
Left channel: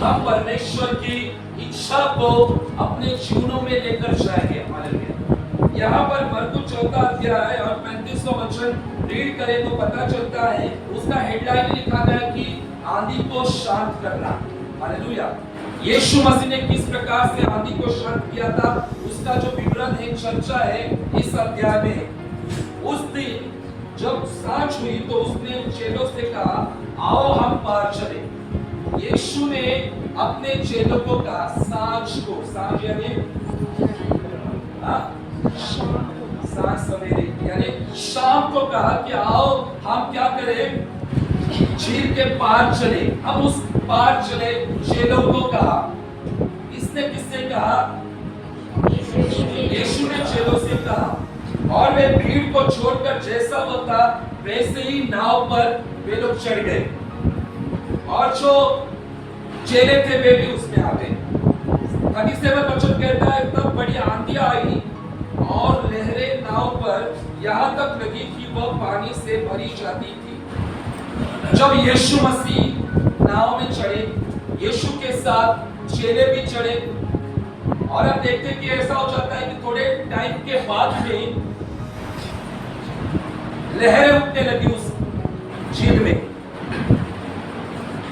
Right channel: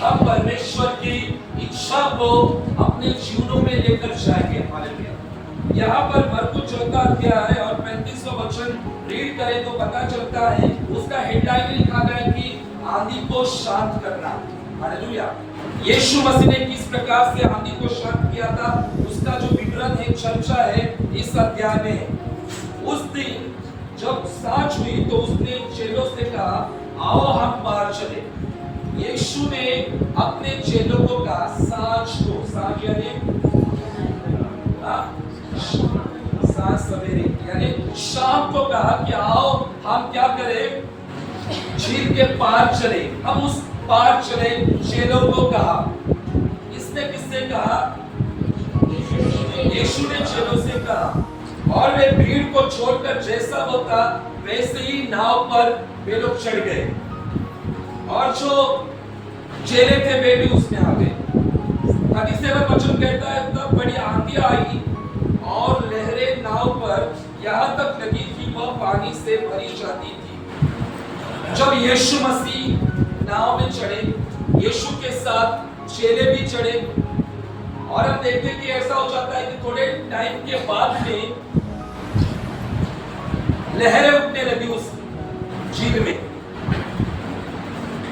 हम परमेश्वर की इच्छा को अपने जीवनों में लेकर जाएंगे। हालेलुया। यहाँ पर मरकुस 4 अध्याय और 35वां वचन रीड करें तो पता चलता है, उसका हेडलाइन लिखा गया कि आंधी को शांत करना। हालेलुया। यीशु मसीह ने किस प्रकार से आंधी को शांत किया था, उसका जो विवरण है, चर्चा है इस अध्याय में। उस दिन जब सांझ हुई तो उसने चेलों से कहा, आओ हम पार चले। यीशु ने अपने चेलों को कहा सांझ यानी सांझ सवेरे यानी शाम को कहा कि आओ हम क्या करें, झील के पार चले। हम उस पार चले, चेलों को कहा। इसने किससे कहा? यीशु ने चेलों से कहा। और वे भीड़ को छोड़कर जैसा होता वैसे ही नाव पर वे लोग चढ़ गए। और जो चेले थे वे भी उसमें आ गए। 37 वचन कहता है, तब बड़ी आंधी आई और लहरें नाव पर यहाँ तक लगी कि वह पानी से भरी जाती थी। जब यीशु मसीह नाव में चढ़े, यीशु के साथ चेले भी चढ़े, और हम देखते कि ऐसा हो जाता है कि थोड़े टाइम के बाद में लहरें उठने लगी उस झील में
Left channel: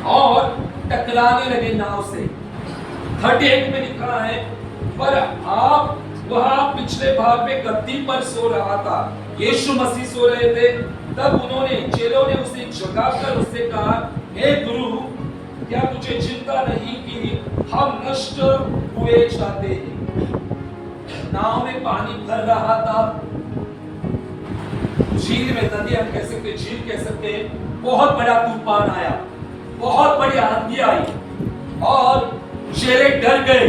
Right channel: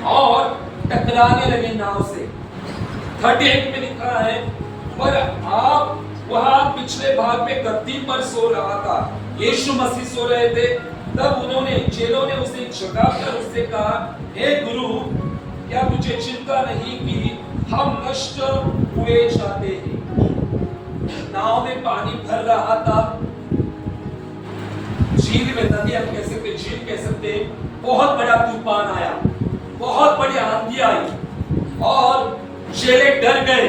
और टकराने लगे नाव से। 38 में लिखा है, पर आप वहां पिछले भाग में गद्दी पर सो रहा था, यीशु मसीह सो रहे थे। तब उन्होंने, चेलों ने उसे जगाकर उससे कहा, हे गुरु, क्या तुझे चिंता नहीं कि हम नष्ट हुए जाते हैं? नाव में पानी भर रहा था, झील में, नदी हम कह सकते, झील कह सकते, बहुत बड़ा तूफान आया, बहुत बड़ी आंधी आई और चेले डर गए।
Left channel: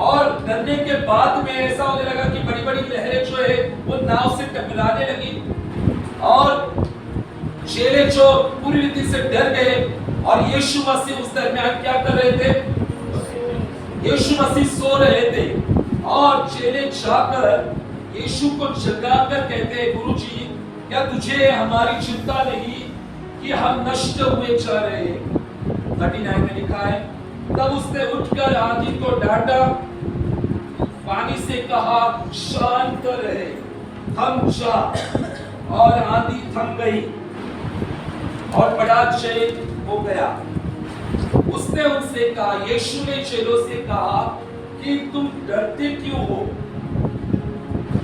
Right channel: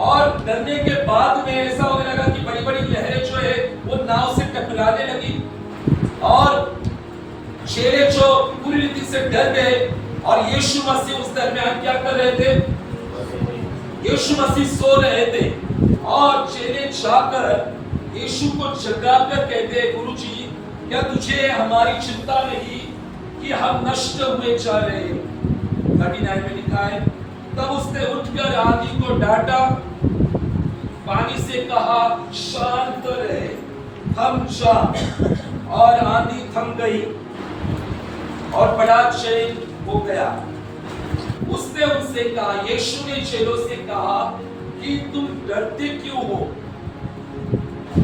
और डरने के बाद में ऐसा होने लगा कि बड़ी बड़ी लहरें जो है वो नाव से टकराने लगी और चेले जो पूरी रीति से डर गए। और यीशु मसीह उस दरमियान क्या कर रहे थे? यीशु मसीह सो रहे थे और चेले जाकर यीशु को जगाकर कहते हैं, गुरुजी, क्या तुझे हमारी चिंता नहीं कि हम नष्ट हुए जा रहे हैं? 39 में लिखा है, तब उसने उठकर आंधी को डांटा, पानी से कहा, शांत रहे, थम जा। और आंधी थम गई और बड़ा चैन हो गया। उसने उनसे कहा, यीशु ने चेलों से कहा कि तुम डरते क्यों हो?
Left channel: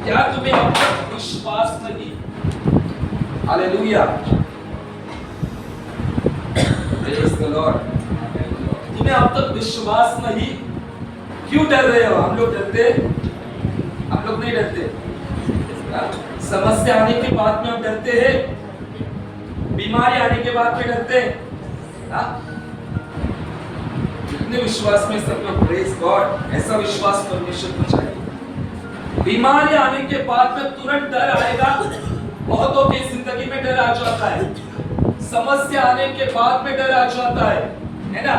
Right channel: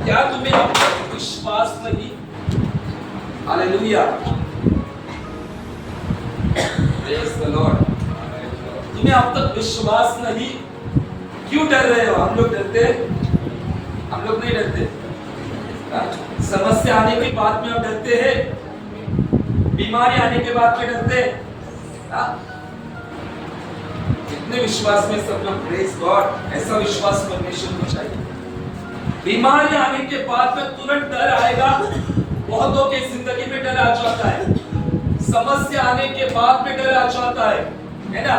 क्या तुम्हें अब तक विश्वास नहीं? Hallelujah, praise the Lord. तुम्हें अब तक विश्वास नहीं? क्यों डर रहे हो? हम लोग डरते हैं? हम लोग नहीं डरते। समस्या आने के बाद में हम डरते हैं, बीमारी आने के बाद में डरते हैं। कितने विश्वास में सब लोग, प्रेज गॉड। ऐसा विश्वास परमेश्वर को चाहिए। बीमारी आने के बाद में तुरंत डर आएगा। बहुतों की जिंदगी में डर आ जाता है। समस्या आने के बाद में डर आ जाता है ना?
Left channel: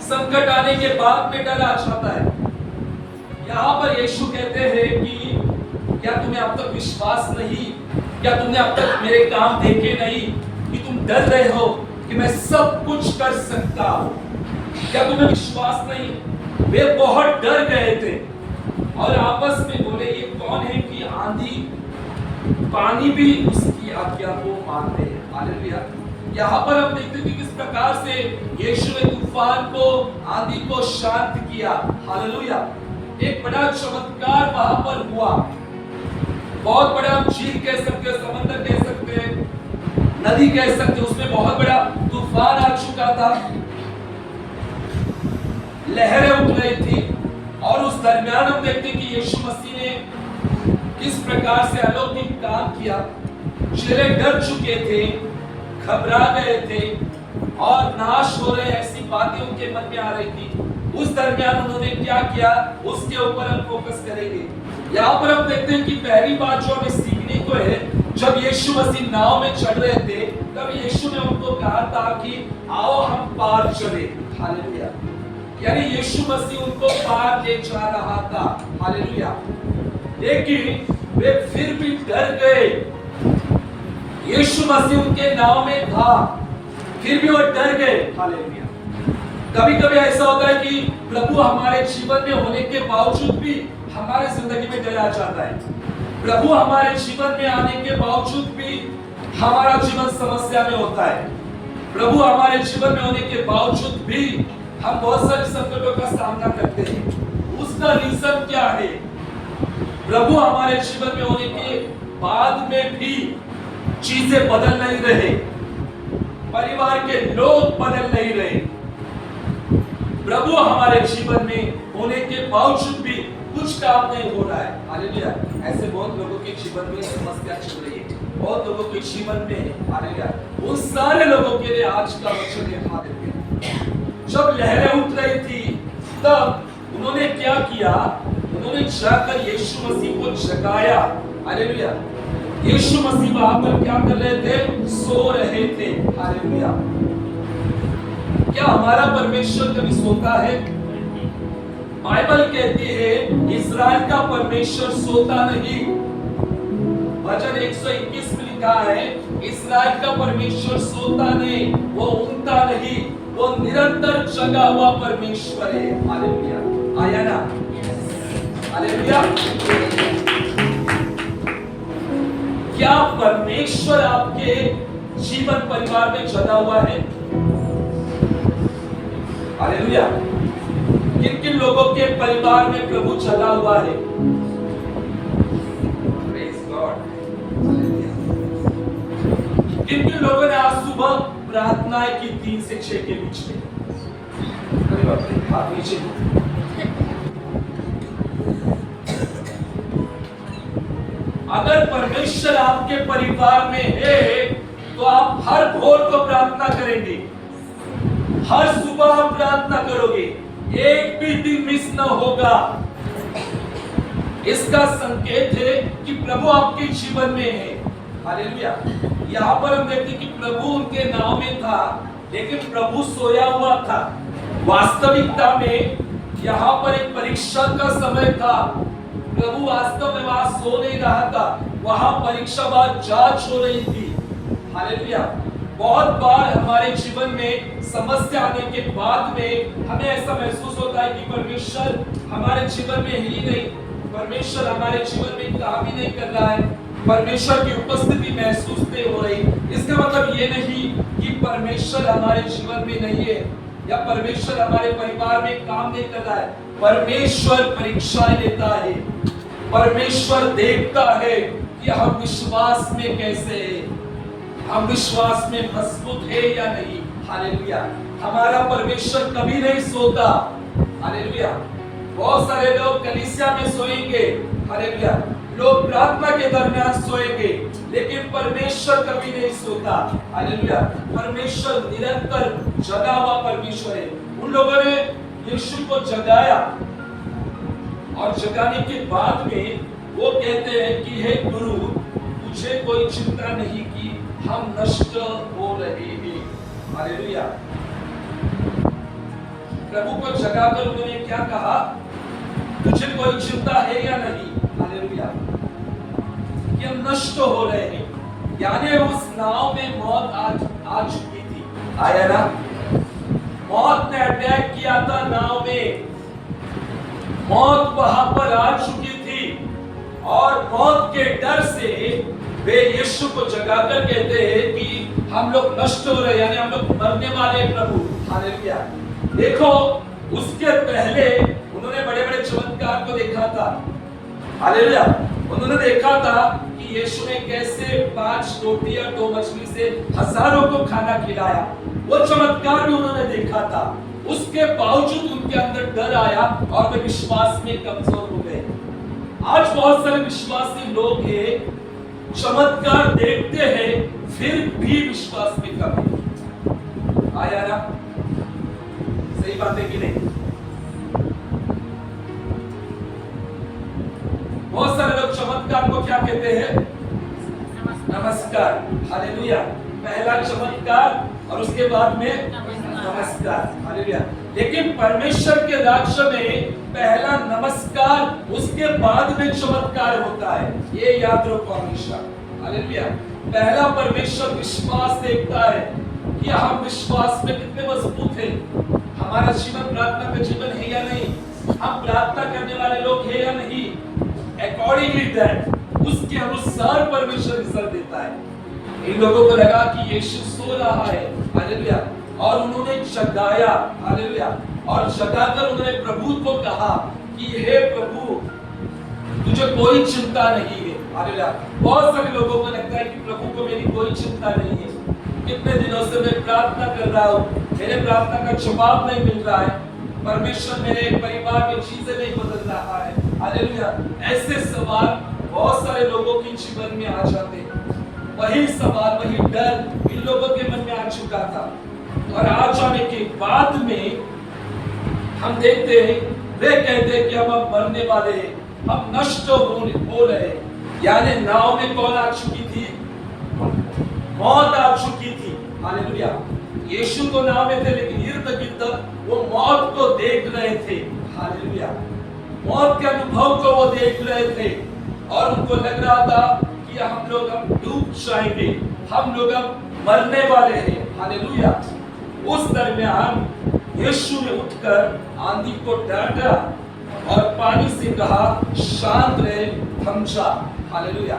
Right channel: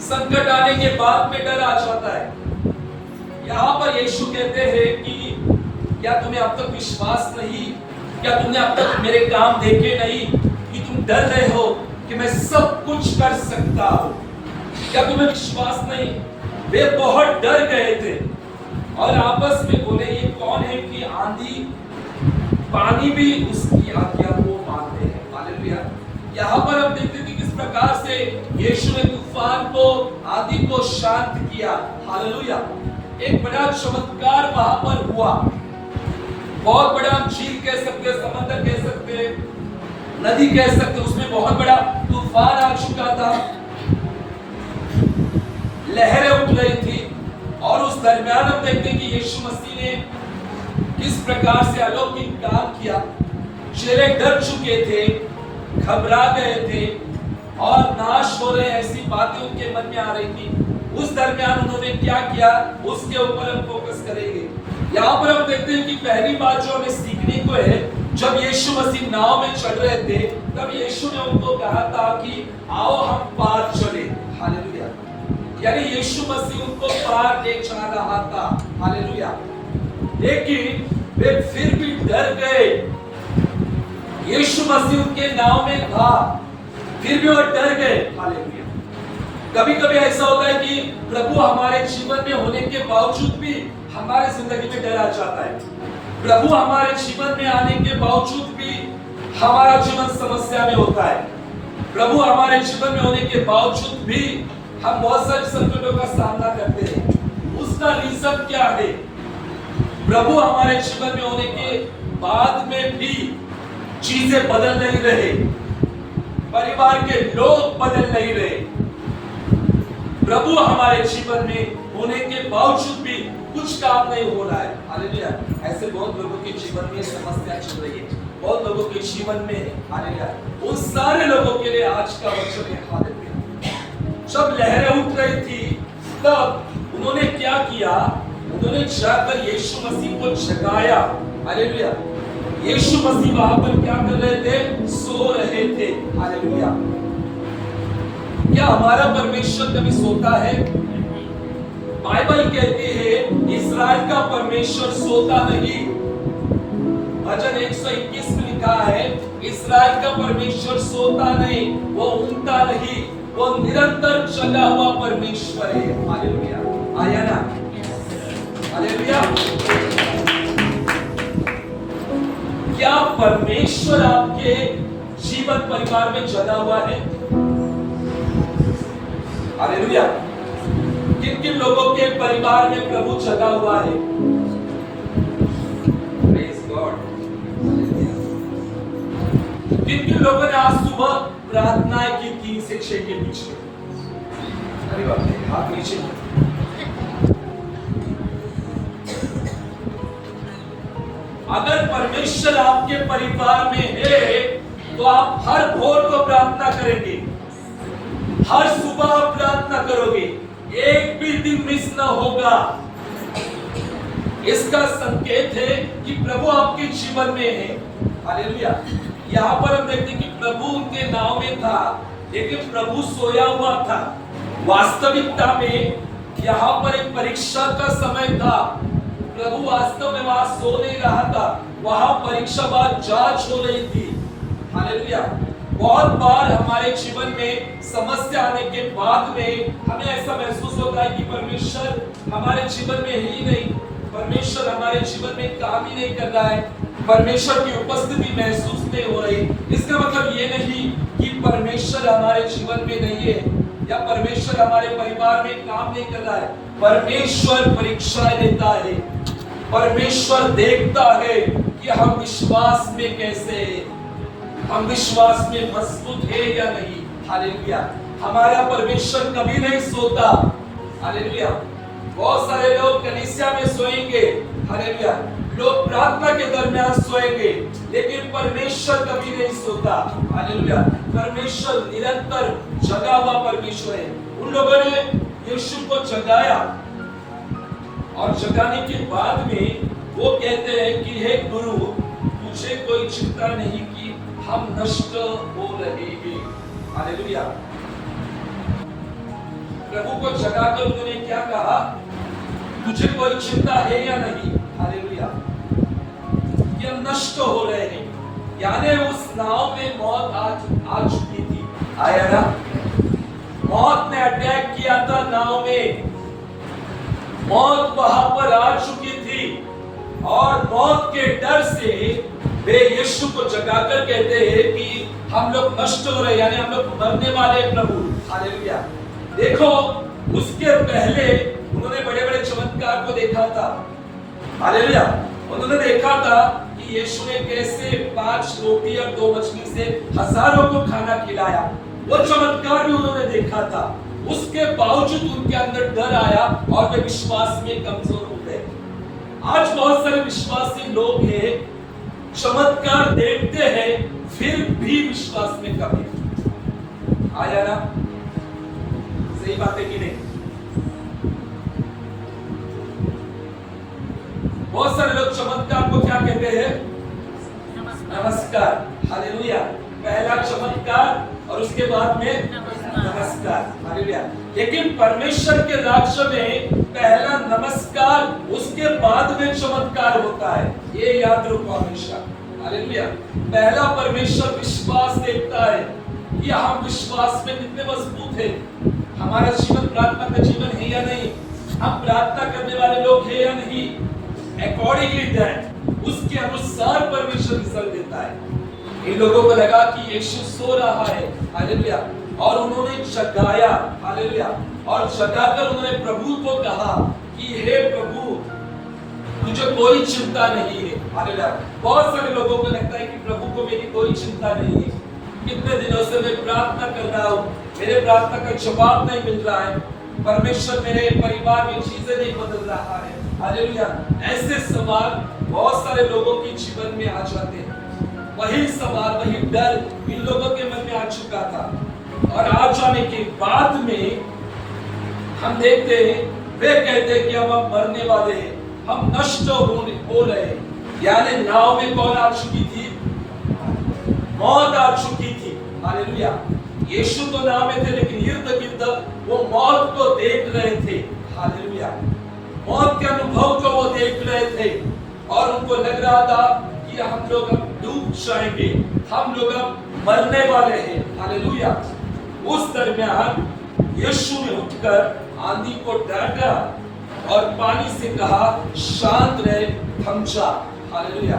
संकट आने के बाद में डर आ जाता है। यहाँ पर यीशु कहते हैं कि क्या तुम्हें अब तक विश्वास नहीं? क्या तुमने अब तक मेरे काम देखे नहीं कि तुम डर रहे हो कि मैं सब कुछ कर सकता हूं? क्या तुम्हें विश्वास नहीं? वे बहुत डर गए थे और आपस में बोले, ये कौन है कि आंधी पानी भी उसकी आज्ञा को मानते हैं। हालेलुया। यहाँ पर हम देखते हैं कि किस प्रकार से यीशु ने तूफान को, आंधी को शांत किया। हालेलुया। एक बड़ा चमत्कार वहां पर हुआ। बहुत बड़ा हम झील कह सकते हैं, समंदर कह सकते हैं, नदी कह सकते हैं, उसमें बहुत बड़ा तूफान आ चुका था, लहरें उठ रही थी। और उस दरमियान हम देखते हैं कि यीशु मसीह ने किस प्रकार से अलौकिक काम किया। चेले डर चुके थे, घबरा गए थे और नाश हो रहे ऐसी बातें उनके मन में आ रही थी। उस दरमियान उन्होंने क्या किया, उसके ऊपर हम फोकस करेंगे। यहाँ पर हम देखते हैं कि पहली बात जो हमें सीखने को है, जब यीशु मसीह नाव में चढ़ रहे थे तब यीशु ने उनको कहा था कि आओ हम पार चले। हालेलुया। यानी यीशु मसीह उनको पार ले जा रहा था। हालेलुया। लेकिन वे फिर भी डर गए। यीशु मसीह उनके नाव में था, फिर भी वो डर गए। हालेलुया। कभी कभी ऐसा होता है कि प्रभु हमारे जीवन में होने के बावजूद भी हमारे जिंदगी में डर आ जाता है। प्रभु हमारे जीवन में आने के बावजूद भी हमारा जीवन समस्या में होता है। प्रभु हमारे जीवन में होने के बावजूद भी हम बहुत सारे संकटों का सामना करते हैं। उसका रीजन क्या है? प्रभु हमारे जीवन में होने के बाद में भी चीजें बदल नहीं रहे, परिवार के लोग बदल नहीं रहे। प्रभु हमारे जीवन में होने के बावजूद भी कुछ काम नहीं हो रहा है। हालेलुया। ऐसे बहुत लोगों के जीवन में समस्या चल रही है, बहुत लोगों के जीवन में। हालेलुया। उन सारे लोगों के लिए आज का वचन है। हालेलुया। जब लहरें उठ रही थी तब उन्होंने क्या किया? उन्होंने जाकर यीशु मसीह को जगाया। हालेलुया। यीशु मसीह वहां पर क्या कर रहे थे? सो रहे थे। हालेलुया। क्या हमारा परमेश्वर कभी सोता है? बाइबल कहती है इस्राएल का परमेश्वर सोता नहीं। भजन 121 में लिखा है इस्राएल का परमेश्वर सोता नहीं, वो ऊँगता नहीं, वो निरंतर जगा हुआ परमेश्वर है। हालेलुया। आया ना? हालेलुया। क्या परमेश्वर आपके जीवन परिवार में जगा हुआ है? हालेलुया। किन किन लोगों के परिवार में प्रभु जगा हुआ है? Praise God. किन किन लोगों ने आज सुबह प्रार्थनाएं की 3 से 6 के बीच में? अरे बाप रे, हाथ नीचे। अगर परमेश्वर आपके परिवार में है तो आप हर भोर को प्रार्थना करेंगे, हर सुबह आप प्रार्थना करोगे, एक भी दिन मिस ना होगा। इसका संकेत है कि प्रभु आपके जीवन में है। हालेलुया। यहाँ पर हम देखते हैं कि प्रभु उनके नाव में था, लेकिन प्रभु सोया हुआ था। वास्तविकता में यहाँ पर एक परीक्षा का समय था। प्रभु वास्तव में वहां सो नहीं रहा था, वहां परीक्षा बाद जांच हो रही थी। हालेलुया। बहुत बार हमारे जीवन में समस्या आने के बाद में हमें ऐसा महसूस होता है कि परमेश्वर हमारे जीवन में ही नहीं, परमेश्वर हमारे जीवन में काम ही नहीं कर रहा है। परमेश्वर की उपस्थिति महसूस नहीं हो रही, इसका मतलब ये नहीं कि परमेश्वर हमारे जीवन में नहीं है या परमेश्वर हमारे परिवार में काम नहीं कर रहा है। परमेश्वर परीक्षाएं लेता है, परमेश्वर देखता है कि हम विश्वास में कैसे हैं, हम विश्वास में मजबूत है या नहीं। हालेलुया। हमारा परमेश्वर कभी नहीं सोता। हालेलुया। बहुत सारे लोग कलीसिया में सोएंगे, हालेलुया, लोग प्रार्थना के दरमियान सोएंगे, लेकिन परमेश्वर कभी नहीं सोता। हालेलुया। परमेश्वर निरंतर जगा हुआ परमेश्वर है। उन लोगों ने यीशु को जगाया और जगाने के बाद में वो कहते हैं कि हे गुरु, तुझे कोई चिंता नहीं कि हम नष्ट हो रहे हैं। हालेलुया। प्रभु को जगाकर उन्होंने क्या कहा? तुझे कोई चिंता है या नहीं? हालेलुया। कि हम नष्ट हो रहे हैं, यानी उस नाव में मौत आ चुकी थी। आया ना? मौत ने अटैक किया था नाव में, मौत वहां पर आ चुकी थी और मौत के डर से वे यीशु को जगाकर कहते हैं कि हम लोग नष्ट हो रहे, यानी हम लोग मरने वाले हैं प्रभु। हालेलुया। देखो, उसके पहले उन्होंने बड़े बड़े चमत्कार को देखा था। हालेलुया। उन्होंने देखा था कि यीशु ने कैसे 5 रोटी और 2 मछली से हजारों को खाना खिलाया, वो चमत्कार भी उन्होंने देखा था। उसके बावजूद उनके अंदर डर आया और वे विश्वास में कमजोर हो गए। आज बहुत सारे विश्वासी लोग हैं, चमत्कार देखते हैं फिर भी विश्वास में कमी। आया ना? सही बात है कि नहीं? बहुत सारे लोग चमत्कार को क्या कहते हैं? नमस्कार। हालेलुया। पहला चमत्कार और उसके बाद में नमस्कार। हालेलुया। लेकिन परमेश्वर के राज्य में पहला नमस्कार, उसके बाद में चमत्कार होता है। ये याद रखो हमेशा। हालेलुया। पहला परमेश्वर विश्वास देखता है कि हम विश्वास में कितने मजबूत हैं, हमारा जीवन प्रार्थना का जीवन है या नहीं, हम प्रार्थना करने वाले लोग हैं या नहीं। अकॉर्डिंगली दैट, उसके अनुसार परमेश्वर रिजल्ट देता है। इन लोगों को लगा कि यीशु सो रहा है। हालेलुया। और उन्होंने जगाया। हालेलुया। और जगाकर उन्होंने प्रभु को कहा कि हे प्रभु, तुझे कोई चिंता नहीं है। हालेलुया। बहुत सारे लोगों को लगता है कि प्रभु को मेरी कोई चिंता नहीं है, कितने दिनों से मैं प्रार्थना कर रहा हूँ, मेरे प्रार्थना का जवाब नहीं मिल रहा है, परमेश्वर मेरे परिवार में चीजें नहीं बदल रहा है। हालेलुया। ऐसे सवाल बहुत सारे लोगों के जीवन में आ जाते हैं। वही सवाल, वही डर इन लोगों के मन में आ चुका था और आ जाने के बाद में हम देखते हैं वे कहते हैं कि हम अब मरने वाले हैं, हम नष्ट हो रहे हैं। यानी नाव में कौन आ चुकी थी? मौत आ चुकी थी। हालेलुया। यीशु तो नाव में थे, लेकिन इर्द गिर्द वो मौत को देख रहे थे। हालेलुया। मौत के अनुभव को वो देख रहे थे और उनको लग रहा था कि हम लोग अब डूब जाएंगे, हम लोग अब मरने वाले हैं। हालेलुया। उस दरमियान यीशु ने उठकर आंधी को डांटा और पानी से कहा, शांत रहे, थम जा। हालेलुया।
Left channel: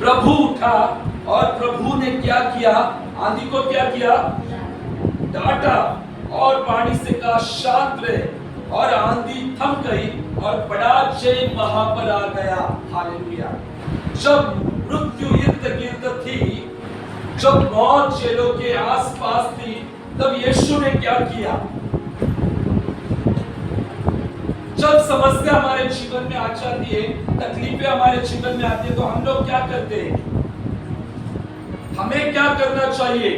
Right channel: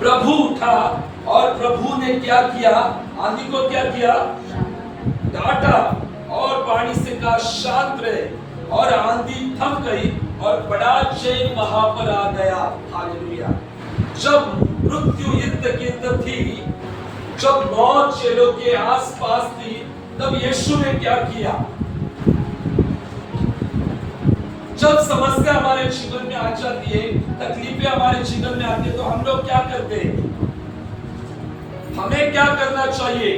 प्रभु उठा और प्रभु ने क्या किया? आंधी को क्या किया? डांटा और पानी से कहा, शांत रहे, और आंधी थम गई और बड़ा चैन वहां पर आ गया। हालेलुया। जब मृत्यु इर्द गिर्द थी, जब मौत चेलों के आसपास थी, तब यीशु ने क्या किया? जब समस्या हमारे जीवन में आ जाती है, तकलीफें हमारे जीवन में आती है, तो हम लोग क्या करते हैं? हमें क्या करना चाहिए?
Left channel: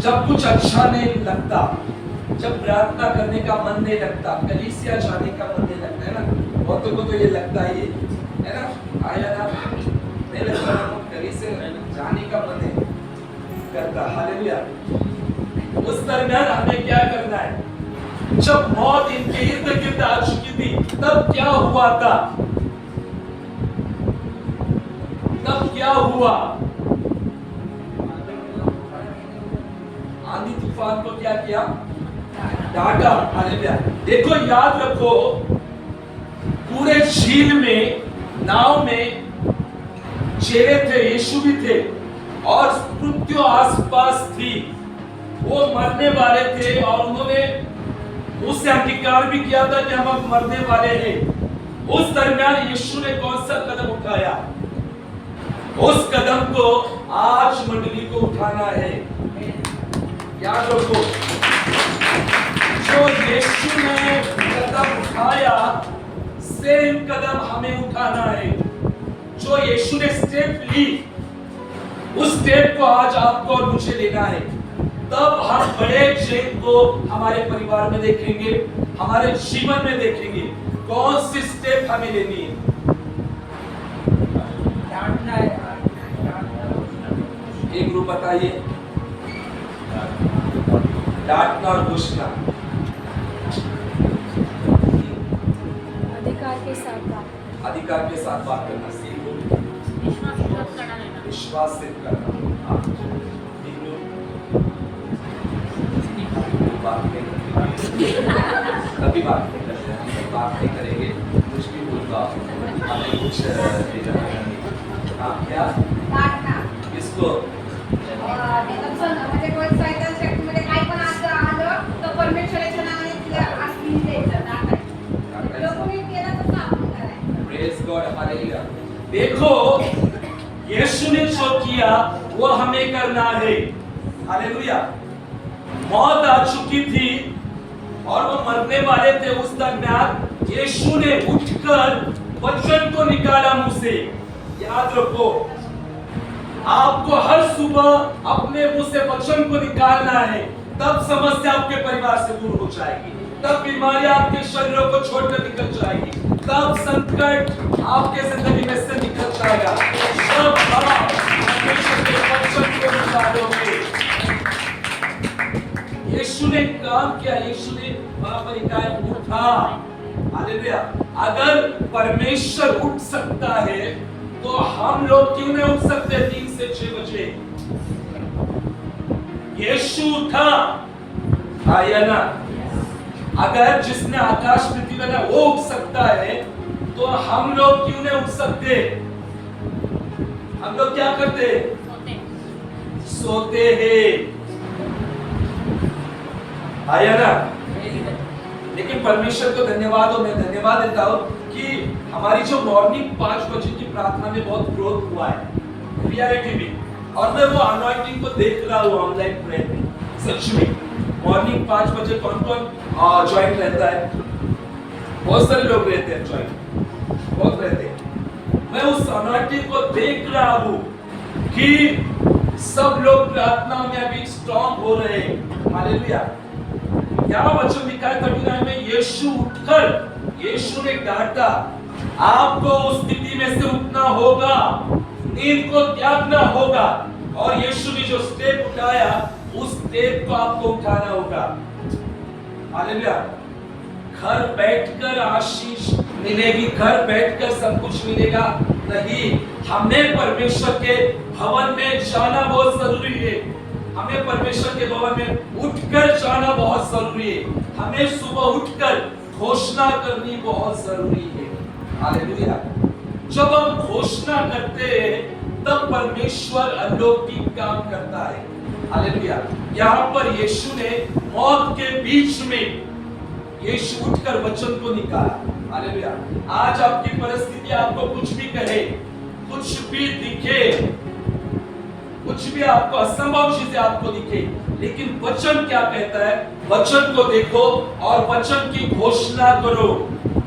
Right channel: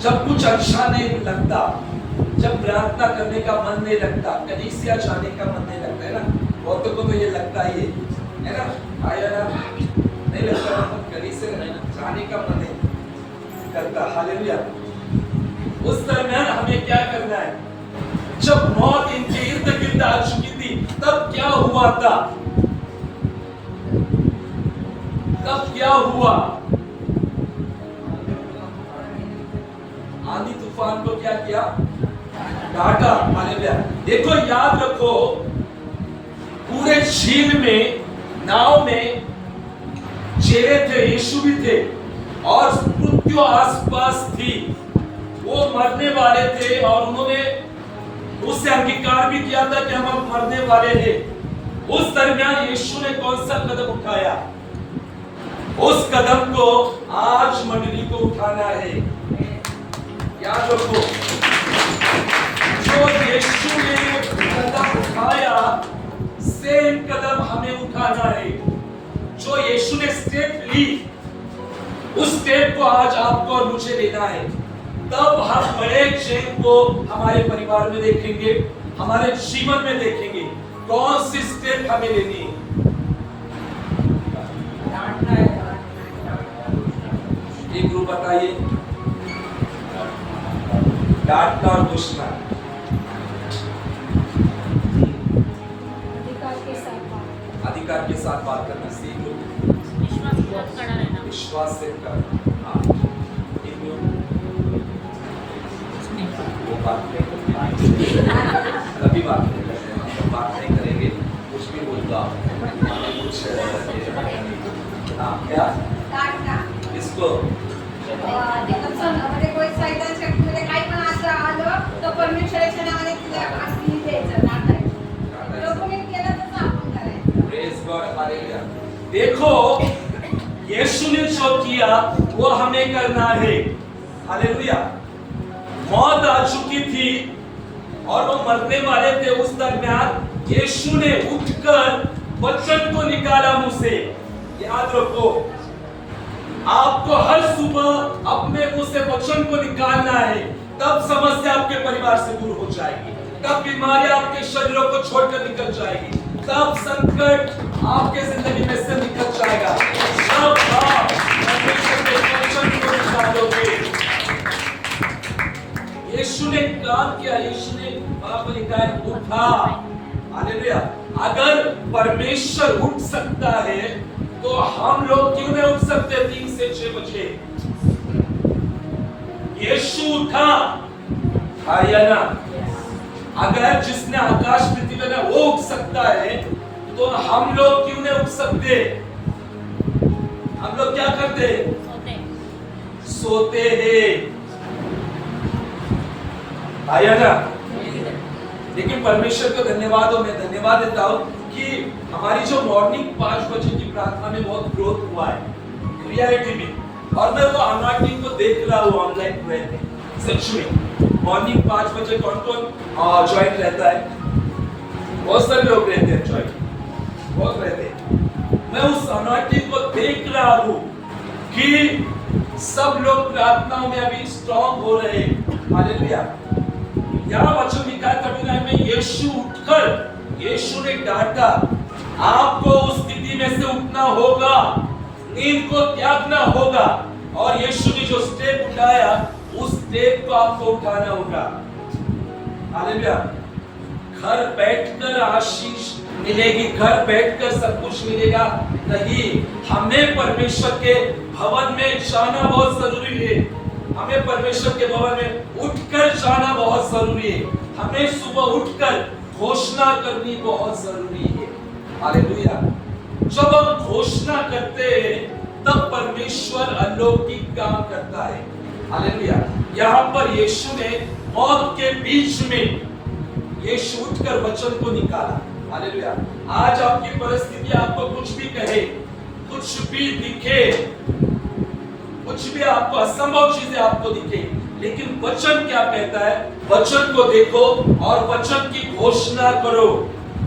जब कुछ अच्छा नहीं लगता, जब प्रार्थना करने का मन नहीं लगता, कलीसिया जाने का मन नहीं लगता, है ना? बहुतों को तो ये लगता ही है ना? आया ना? नहीं लगता ना, कलीसिया जाने का मन नहीं करता। हालेलुया। उस दरमियान हमें क्या करना है? जब मौत इनके इर्द गिर्द आ चुकी थी, तब क्या हुआ था? तब क्या हुआ? आंधी तूफान को क्या किया? डाटा। हालेलुया। देखो याद रखो, पूरे झील में, नाव में चेले थे, यीशु भी थे, और मृत्यु आसपास थी, वो मरने वाले थे, और उन्होंने उससे अंगीकार भी किया था कि हम मरने वाले हैं। उस दरमियान यीशु ने कौन सा कदम उठाया? उस कदम को आज मंडली को उठाना है। याद रखो, जो यीशु ने कदम उठाया, सेम कदम हमें उठाना है। जो यीशु ने स्टेप ली, उस स्टेप को आज आपको और मुझे लेना है। तब हम बड़े चेंज को हमारे परिवार में देखेंगे, हमारे जीवन में देखेंगे। कौन सी स्टेप हमें लेनी है? एक ग्रुप बताइए, डांटना और दुष्टना। अधिकार के साथ बात करना सीख लो, विश्वास से करना। वो बात नहीं करते, कभी बात नहीं करते, हम लोग बात नहीं करेंगे, कुछ भी बोलूँगा हमें कुछ नहीं। हाँ, क्या किसको? कोई शैतान शक्तीमध्ये काही पण असं आलं तर परमेश्वराच्या नावाने तुला आशीष द्यायचं, डाटायचं. जो कोणी केलं तसं आपण करायचं. Praise God, hallelujah. देखो, यीशु ने जो किया वो हमें करना है। हालेलुया। मौत आ चुकी थी और वो मरने वाले थे। उस दरमियान यीशु ने उठकर वचन को निकाला मुंह से। याद रखो, आपको हर सुबह अपने मुंह से वचन को निकालना है, तब समस्या आपके परिवार से दूर हो जाएगी, तब बीमारियां आपके शरीरों को छोड़कर निकल जाएगी, तब संकट आपके जिंदगी में से निकल जाएगा। जब आप परमेश्वर के वचन को निकालोगे। यीशु ने काम किया, यीशु ने पाप निकाय उठा। हालेलुया। अगर परमेश्वर उठ सकता है तो हम लोग क्यों नहीं उठ सकते 3 से 6 बजे? यीशु उठा, आया ना? अगर जिसने आकाश पृथ्वी बनाया वो उठ सकता है तो हम लोग क्यों नहीं उठ सकते? हम लोग क्या करते? सोते हैं। आया ना? लेकिन परमेश्वर को धन्यवाद हो, मैं धन्यवाद देता हूं कि हमारी जो मॉर्निंग 5 बजे की प्रार्थना में बहुत ग्रोथ हुआ है रियलिटी में। और मैं वो अनॉइंटिंग को देख रहा हूँ ऑनलाइन प्रेयर में। सच में मॉर्निंग 5 बजे कौन कौन ज्वाइन रहता है? बहुत सारे लोग रहते हैं ज्वाइन, बहुत रहते हैं। मैं उस अनॉइंटिंग को देख रहा हूँ कि सब लोग प्रार्थनाओं में अभी स्ट्रांग हो रहे हैं। हालेलुया। यहाँ वचन लिखा है 39 में, यीशु उठकर, यीशु ने डांटा। आपको उस स्थिति में से उठना होगा, नींद को त्यागना होगा, और यीशु ने जो स्टेप उठाया उस स्टेप को आपको उठाना होगा। हालेलुया। घर बैठकर आशीष मिलेगी, घर बैठकर सब कुछ मिलेगा नहीं। हमें परमेश्वर के भवन में जाना बहुत जरूरी है। हमें परमेश्वर के भवन में उठकर जाना बहुत जरूरी है। हमें सुबह उठकर घोषणा करनी बहुत जरूरी है। हालेलुया। जब हम घोषणा करते हैं तब परमेश्वर अलौकिक काम करता है। हालेलुया। यहाँ पर यीशु ने मौत के बीच में यीशु उठकर वचन को निकाला। हालेलुया। आज आपकी परिस्थिति आपको कुछ भी कहे, कुछ भी दिखे, कुछ भी आपको असंभव चीजें आपको दिखे, लेकिन वचन क्या कहता है? वचन को देखो और वचन की घोषणा करो।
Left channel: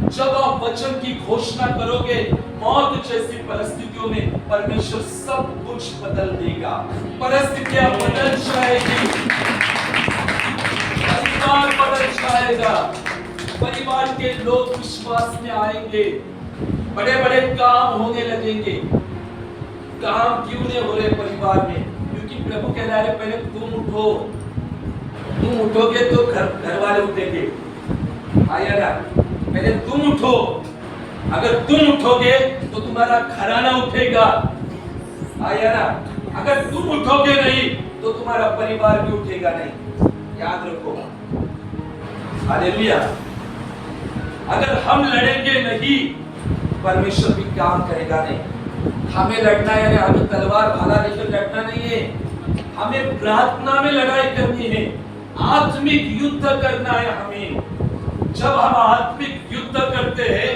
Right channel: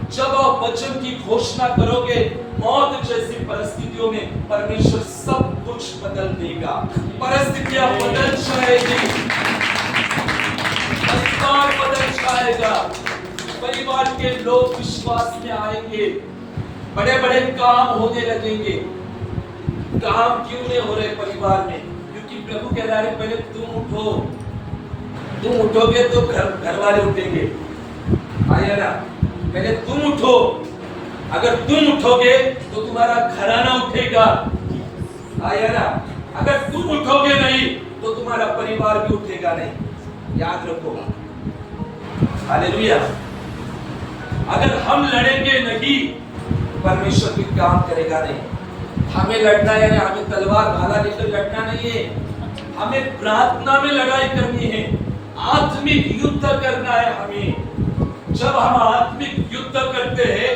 जब आप वचन की घोषणा करोगे, मौत जैसी परिस्थितियों में परमेश्वर सब कुछ बदल देगा। परिस्थितियां बदल जाएगी, परिवार बदल जाएगा, परिवार के लोग विश्वास में आएंगे, बड़े बड़े काम होने लगेंगे। काम क्यों नहीं हो रहे परिवार में? क्योंकि प्रभु कह रहा है पहले तुम उठो, तुम उठोगे तो घर वाले उठेंगे। आया ना? पहले तुम उठो, अगर तुम उठोगे तो तुम्हारा घराना उठेगा। आया ना? अगर तुम उठोगे नहीं तो तुम्हारा परिवार भी उठेगा नहीं। याद रखो, हालेलुया। अगर हम लड़ेंगे नहीं, परमेश्वर भी काम करेगा नहीं। हमें लड़ना यानी हमें तलवार भाला लेकर लड़ना नहीं है, हमें प्रार्थना में लड़ाई करनी है, आत्मिक युद्ध करना है हमें। जब हम आत्मिक युद्ध करते हैं,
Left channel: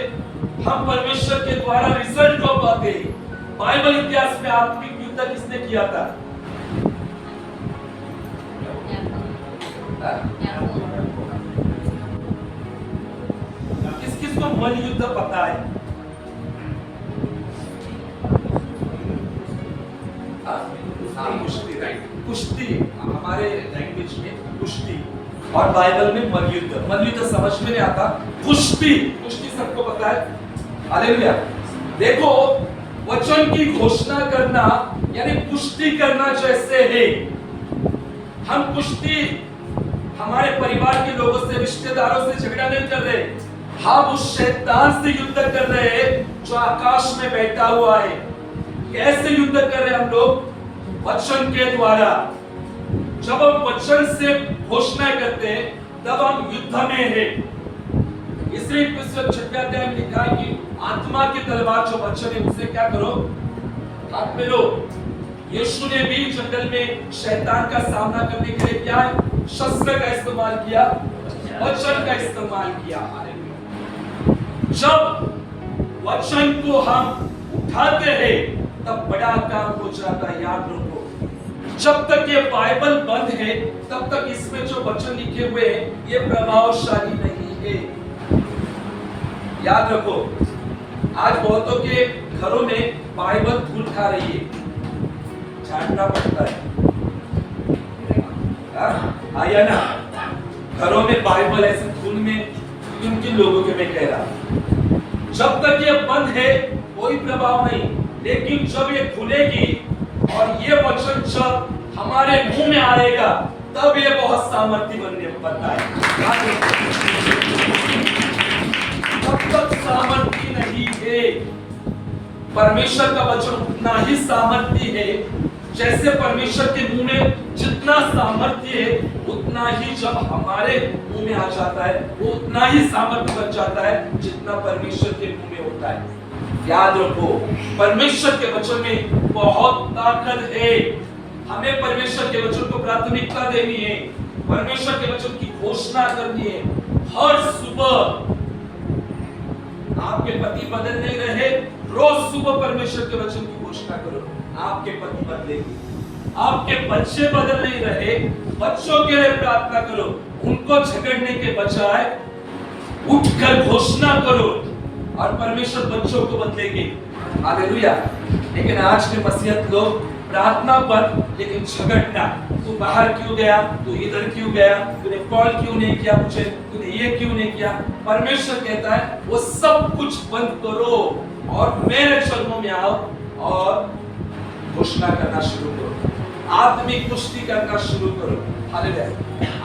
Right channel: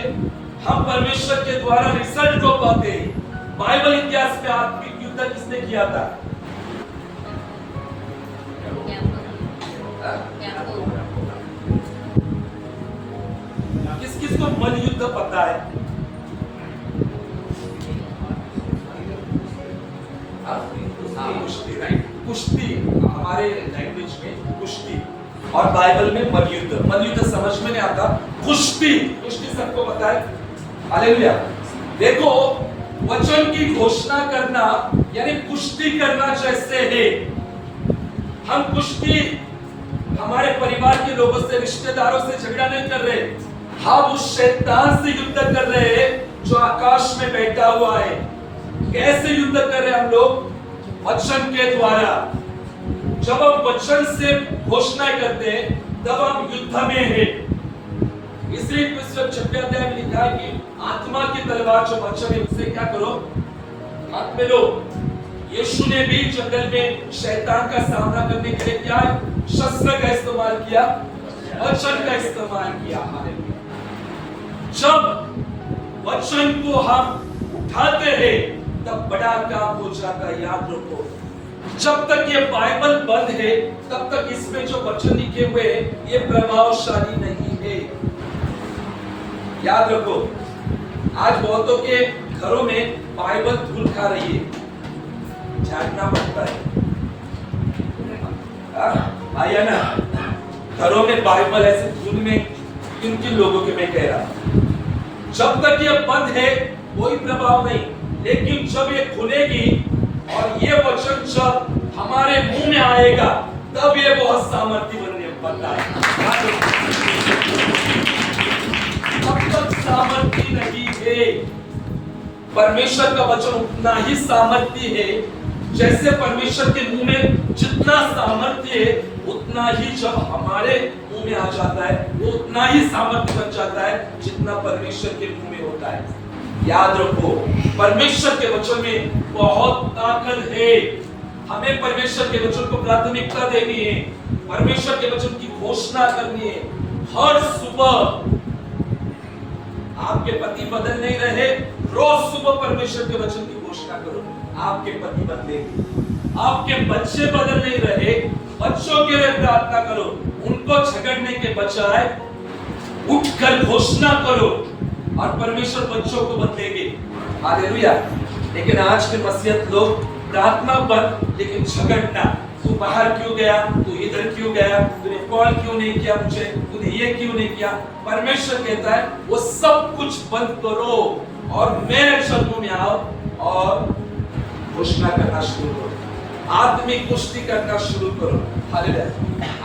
हम परमेश्वर के द्वारा रिजल्ट को पाते हैं। बाइबल इतिहास में आत्मिक युद्ध किसने किया था? किस किस को मल युद्ध पता है? कुश्ती, राइट? कुश्ती हमारे लैंग्वेज में कुश्ती, और बाइबल में मलयुद्ध। मलयुद्ध समझ में नहीं आता, कुश्ती, कुश्ती सबको पता है। हालेलुया। देखो, वचन की घोषणा करना यानी कुश्ती करना जैसे है। हम कुश्ती हमारे परिवार के लोगों से, रिश्तेदारों से झगड़ा नहीं कर रहे, हम उस शैतान से युद्ध कर रहे हैं जो आकाश में बैठा हुआ है। कैसे युद्ध कर रहे हैं हम लोग? वचन के द्वारा। जब हम वचन से घोषणा करते हैं, तब हम युद्ध में हैं। इसलिए 6वें अध्याय में लिखा है कि आत्मा की तलवार जो वचन है उससे क्या करो? हाथ में लो। यीशु ने भी जंगल में शैतान का सामना करने के लिए क्या है? शस्त्र का इस्तेमाल किया, वचन का इस्तेमाल किया। जब वचन को हम उठाते हैं, तब बड़ा काम हो जाता है। याद रखो, जब तक ये बाइबल बंद है, तब तक इसमें जो वचन लिखे हुए हैं ये प्रभावशाली नहीं है। याद रखो, आज बहुतों के घरों में बाइबल धूल खा रही है, झाड़ना पड़ता है। आया ना? घरों में बाइबल ऐसे धूल में किन किन लोगों के मैं कह रहा। जब तक ये बंद है कोई प्रभाव नहीं, लेकिन जब ये खुलेगी और ये वचन जब हमारे मुंह में आएगा, तब ये बहुत सामर्थ्य बनता है। तब तक सामर्थ्य नहीं है। परमेश्वर का वचन उतना ही सामर्थ्य है, जैसे परमेश्वर के मुंह में जितना सामर्थ्य है, उतना ही जब हमारे मुंह में आ जाता है, वो उतना ही सामर्थ्य बन जाता है जितना परमेश्वर के मुंह में होता है। याद रखो, परमेश्वर के वचन में बहुत ताकत है। हमें परमेश्वर के वचन को प्राथमिकता देनी है, परमेश्वर के वचन की घोषणा करनी है। हर सुबह आपके पति बदल नहीं रहे, रोज सुबह परमेश्वर के वचन की घोषणा करो, आपके पति बदलेंगे। आपके बच्चे बदल नहीं रहे, बच्चों के लिए प्रार्थना करो, उनको झगड़ने के बजाय उठकर घोषणा करो और परमेश्वर बच्चों को बदलेंगे। हालेलुया। लेकिन आज के मसीहत लोग प्रार्थना बंद, लेकिन झगड़ना। तू बाहर क्यों गया? तू इधर क्यों गया? तूने कॉल क्यों नहीं किया मुझे? तूने ये क्यों नहीं किया? परमेश्वर कहता है वो सब कुछ बंद करो और मेरे चरणों में आओ और घोषणा करना शुरू करो, आत्मिक कुश्ती करना शुरू करो। हालेलुया।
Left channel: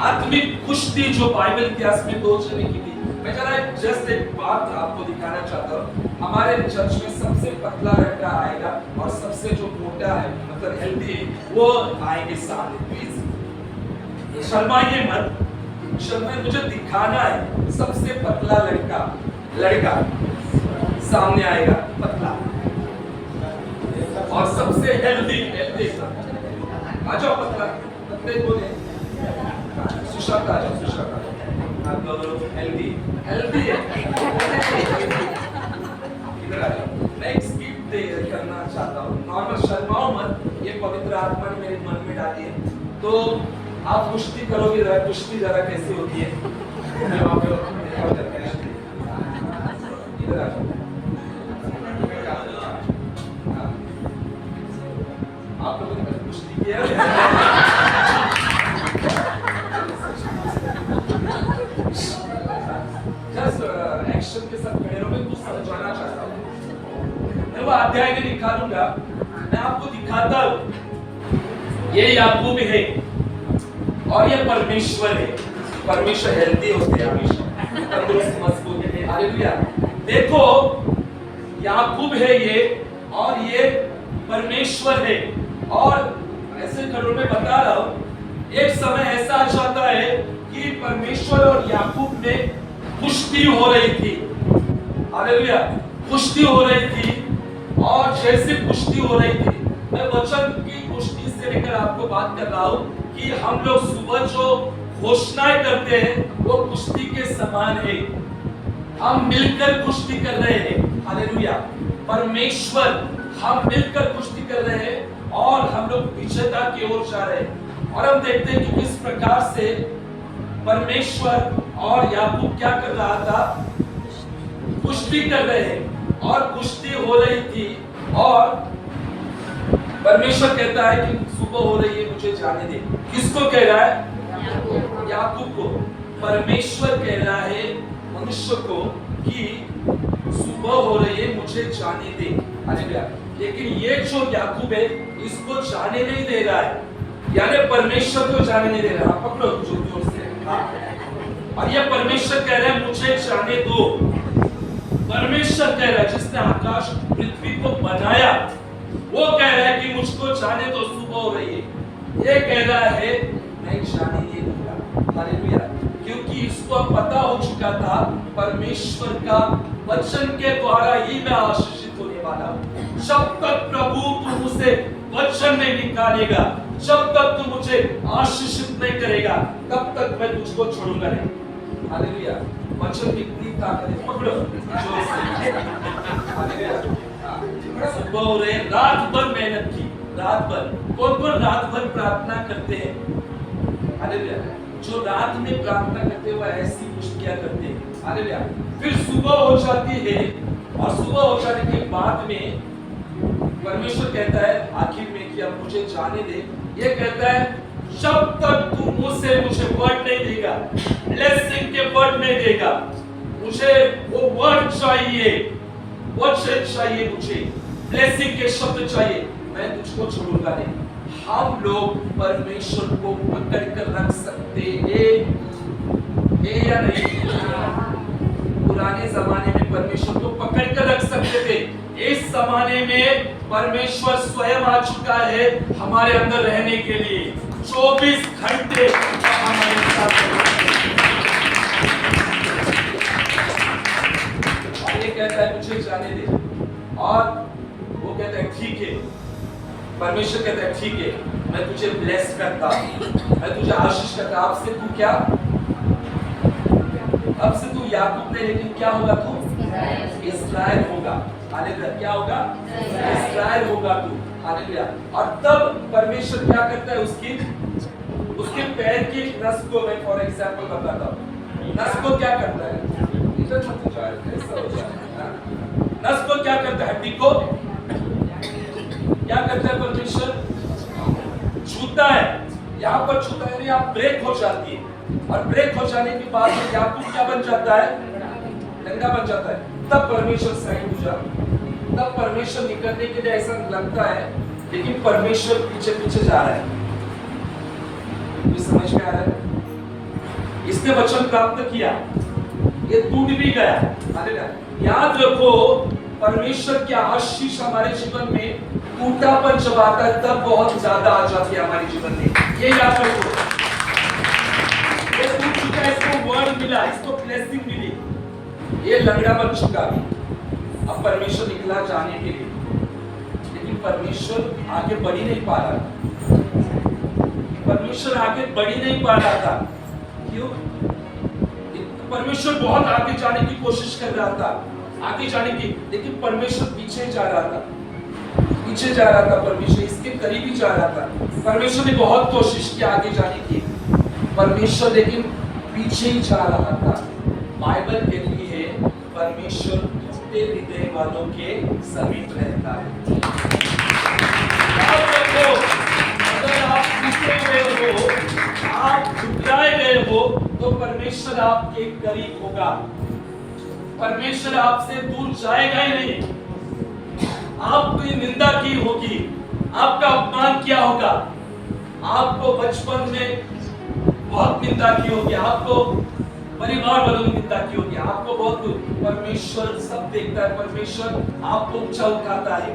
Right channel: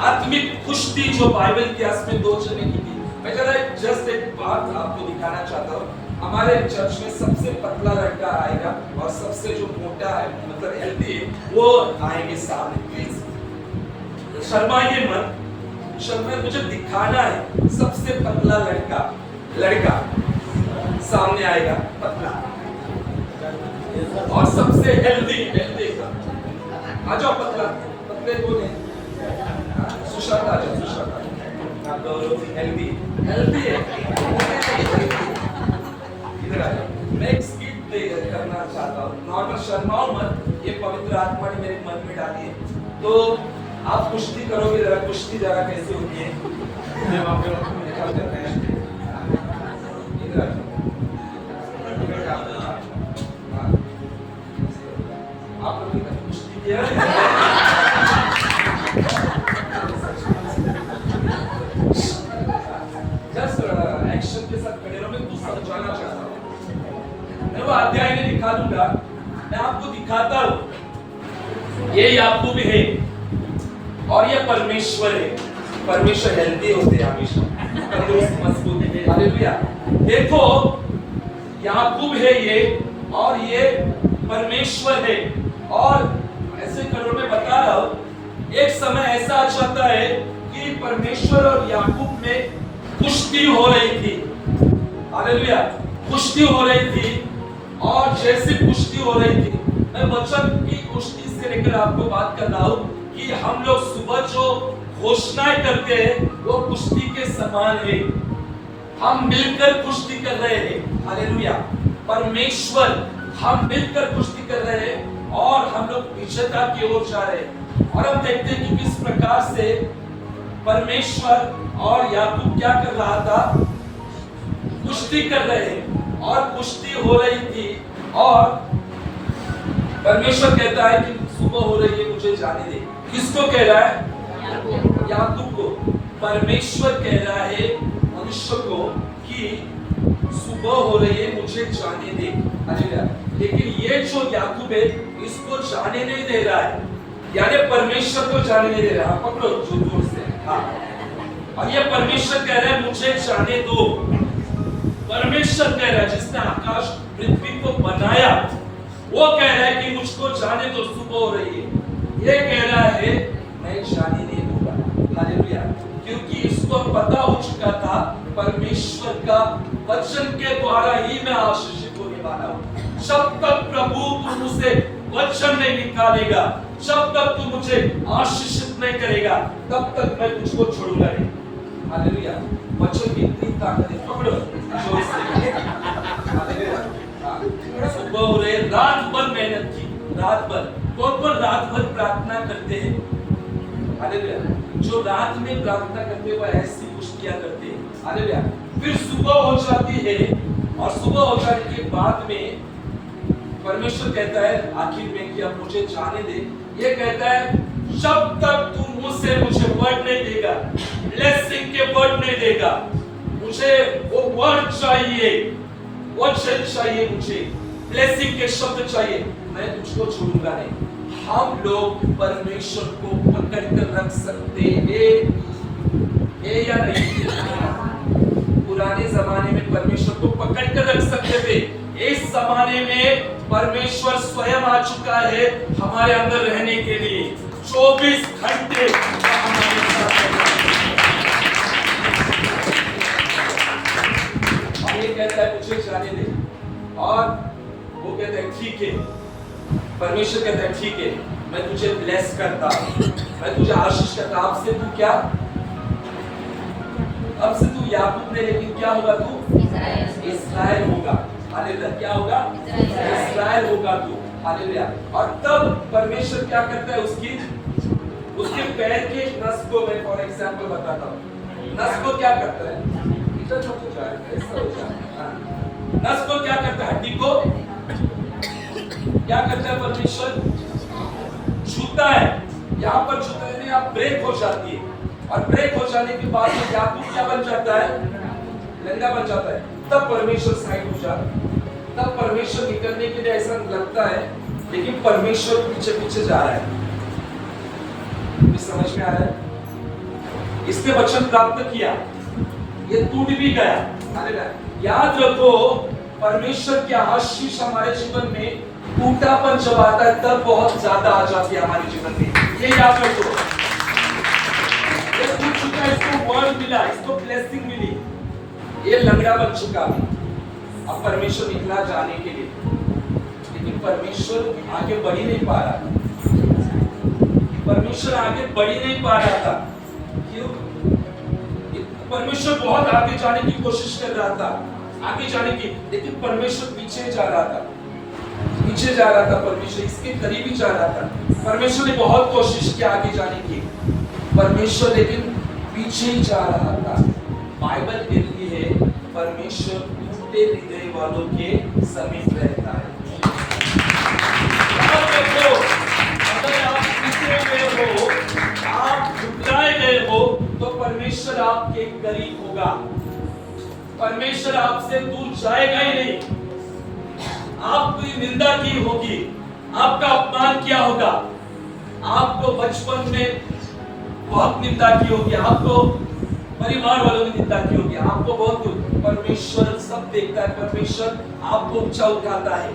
आत्मिक कुश्ती जो बाइबल इतिहास में 2 जने की थी। मैं जस्ट एक बात आपको दिखाना चाहता हूँ। हमारे चर्च में सबसे पतला लड़का आएगा और सबसे जो मोटा है, मतलब हेल्दी है, वो आएंगे सामने। प्लीज शर्माइए मत, मुझे दिखाना है। सबसे पतला लड़का सामने आएगा, पतला, और सबसे हेल्दी आ जाओ। पतले कौन है? सुशांत आ जाओ। सुशांत हेल्दी है, इधर आ जाओ। मैं एक स्किट करना चाहता हूँ, नॉर्मल शर्माओ मत, ये पवित्र आत्मा ने मेरे मन में डाली है। तो आप कुश्ती करोगे, जरा कुश्ती जरा कैसे होती है। इधर आ जाओ। आप लोगों ने कुश्ती किया? एक्शन के साथ खड़े रहो। मैं कुछ समझाना चाहता हूँ। मैं वो अध्याय में दिखा दूंगा, मैं आपको दिखाता हूँ। ये याकूब है और ये परमेश्वर है। परमेश्वर हेल्दी होते हैं हमेशा, तंदुरुस्त मजबूत है। हालेलुया। देखो, याकूब है ये और ये परमेश्वर है। और ऐसे खड़ों में बता रहा हूँ, एक समय ऐसा आ जाता है कि परमेश्वर और याकूब में कुश्ती हो रही थी। हालेलुया, कुश्ती हो रही थी। और जैसे कुश्ती हो रही थी, मैं वचन की कुश्ती से लेकर आपको बात कर रहा हूं कि हम लोग सुबह जो घोषणाएं करते हैं वो कुश्ती के समान है। हम मिलकर कुश्ती कर रहे हैं। हालेलुया, परमेश्वर, हम मिलकर कुश्ती कर रहे हैं और हम लोग विजेता की ओर जा रहे हैं। और हम देखते हैं कि किस प्रकार से परमेश्वर और याकूब क्या कर रहा था, कुश्ती कर रहे हैं और कुश्ती हो रही थी। और परमेश्वर कहता है कि सुबह हो रही है, मुझे जाने दे। किसको कह रहा है? याकूब को। परमेश्वर कह रहा है मनुष्य को कि सुबह हो रही है, मुझे जाने दे। हालेलुया। लेकिन ये जो याकूब है, इसको जाने नहीं दे रहा है, यानी परमेश्वर को जाने नहीं दे रहा। पकड़ो जोर से। हाँ। और ये परमेश्वर कह रहा है मुझे जाने दो। परमेश्वर कह रहा है जिसने आकाश पृथ्वी को बनाया, वो कह रहा है कि मुझको जाने दो, सुबह हो रही है। ये कह रहा है मैं जाने नहीं दूंगा। हालेलुया। क्योंकि इसको पता हो चुका था परमेश्वर का वचन के द्वारा ही मैं आशीषित होने वाला हूं। जब तक प्रभु तू मुझसे वचन नहीं निकालेगा, जब तक तू मुझे आशीषित नहीं करेगा, तब तक मैं तुझको छोड़ूंगा नहीं। हालेलुया। वचन की इतनी ताकत है। पकड़ो जोर से। हालेलुया। सुबह हो रहे, रात भर मेहनत की, रात भर। कौन कौन रात भर प्रार्थना करते हैं? हालेलुया। जो रात में प्रार्थना करते हैं वो ऐसी कुश्तियां करते हैं। हालेलुया। फिर सुबह हो जाती है और सुबह हो जाने के बाद में परमेश्वर कहता है आखिर में कि अब मुझे जाने दे। ये कहता है जब तक तू मुझसे मुझे वर्ड नहीं देगा, ब्लेसिंग के वर्ड नहीं देगा, मुझे वो वर्ड चाहिए, वचन चाहिए, मुझे ब्लेसिंग के शब्द चाहिए, मैं तुझको छोड़ूंगा नहीं। हम लोग परमेश्वर को पकड़ कर रख सकते हैं या नहीं? पुराने जमाने में परमेश्वर को पकड़ कर रख सकते थे। इस जमाने में परमेश्वर स्वयं आ चुका है हमारे अंदर रहने के लिए। 24 घंटे हमारे साथ। और ये कहता है मुझे जाने दे, और वो कहता है ठीक है। परमेश्वर कहता है ठीक है, मैं तुझे ब्लेस करता हूं, मैं तुझे आशीष करता। अब से तू क्या, अब से तू याकूब नहीं, लेकिन क्या होगा तू? इस्राएल होगा। हालेलुया। क्या होगा? इस्राएल होगा तू। हालेलुया। और तब परमेश्वर क्या करता है, उसके पैर की एक नस को मैं फॉर एग्जांपल बताता हूँ। नस को क्या करता है? इधर मत जाए, ऐसा हो जाए। नस को क्या करता है? हड्डी को क्या करता है परमेश्वर? छूता है। यहाँ पर छूता है, यहाँ ब्रेक हो जाती है। और ब्रेक हो जाने के बाद में याकूब क्या बन जाता है? नंगा बन जाता है। तब परमेश्वर साइड हो जाता है। तब परमेश्वर निकलने के लिए ऐसा लगता है, लेकिन परमेश्वर पीछे पीछे जा रहा है। समझ में आ रहा है? इसने वचन प्राप्त किया, ये टूट भी गया। हालेलुया। याद रखो, परमेश्वर की आशीष हमारे जीवन में टूटापन जब आता है तब बहुत ज्यादा आ जाती है हमारे जीवन में। ये याद रखो, ये टूट चुका है, इसको वर्ड मिला, इसको ब्लेसिंग मिली, ये लंगड़ा बन चुका है। अब परमेश्वर निकला जाने के लिए, लेकिन परमेश्वर आगे बढ़ ही नहीं पा रहा। परमेश्वर आगे बढ़ ही नहीं पा रहा था। क्यों? परमेश्वर बहुत आगे जाने की कोशिश कर रहा था, आगे जाने की, लेकिन परमेश्वर पीछे जा रहा था, पीछे जा रहा था। परमेश्वर इसके करीब ही जा रहा था। परमेश्वर ने बहुत कोशिश की आगे जाने की, परमेश्वर लेकिन पीछे ही जा रहा था। बाइबल कहती है परमेश्वर टूटे हृदय वालों के समीप रहता है। अगर आप टूटे हुए हो, आप झुकराए गए हो, तो परमेश्वर आपके करीब होगा। परमेश्वर आपसे दूर जाएगा ही नहीं। आपकी निंदा की होगी, आपका अपमान किया होगा, आपको बचपन में बहुत निंदा की होगी, आपको परिवार वालों ने निंदा की होगी, आपको बहुत। परमेश्वर सब देखता है। परमेश्वर आपको ऊंचा उठाता है,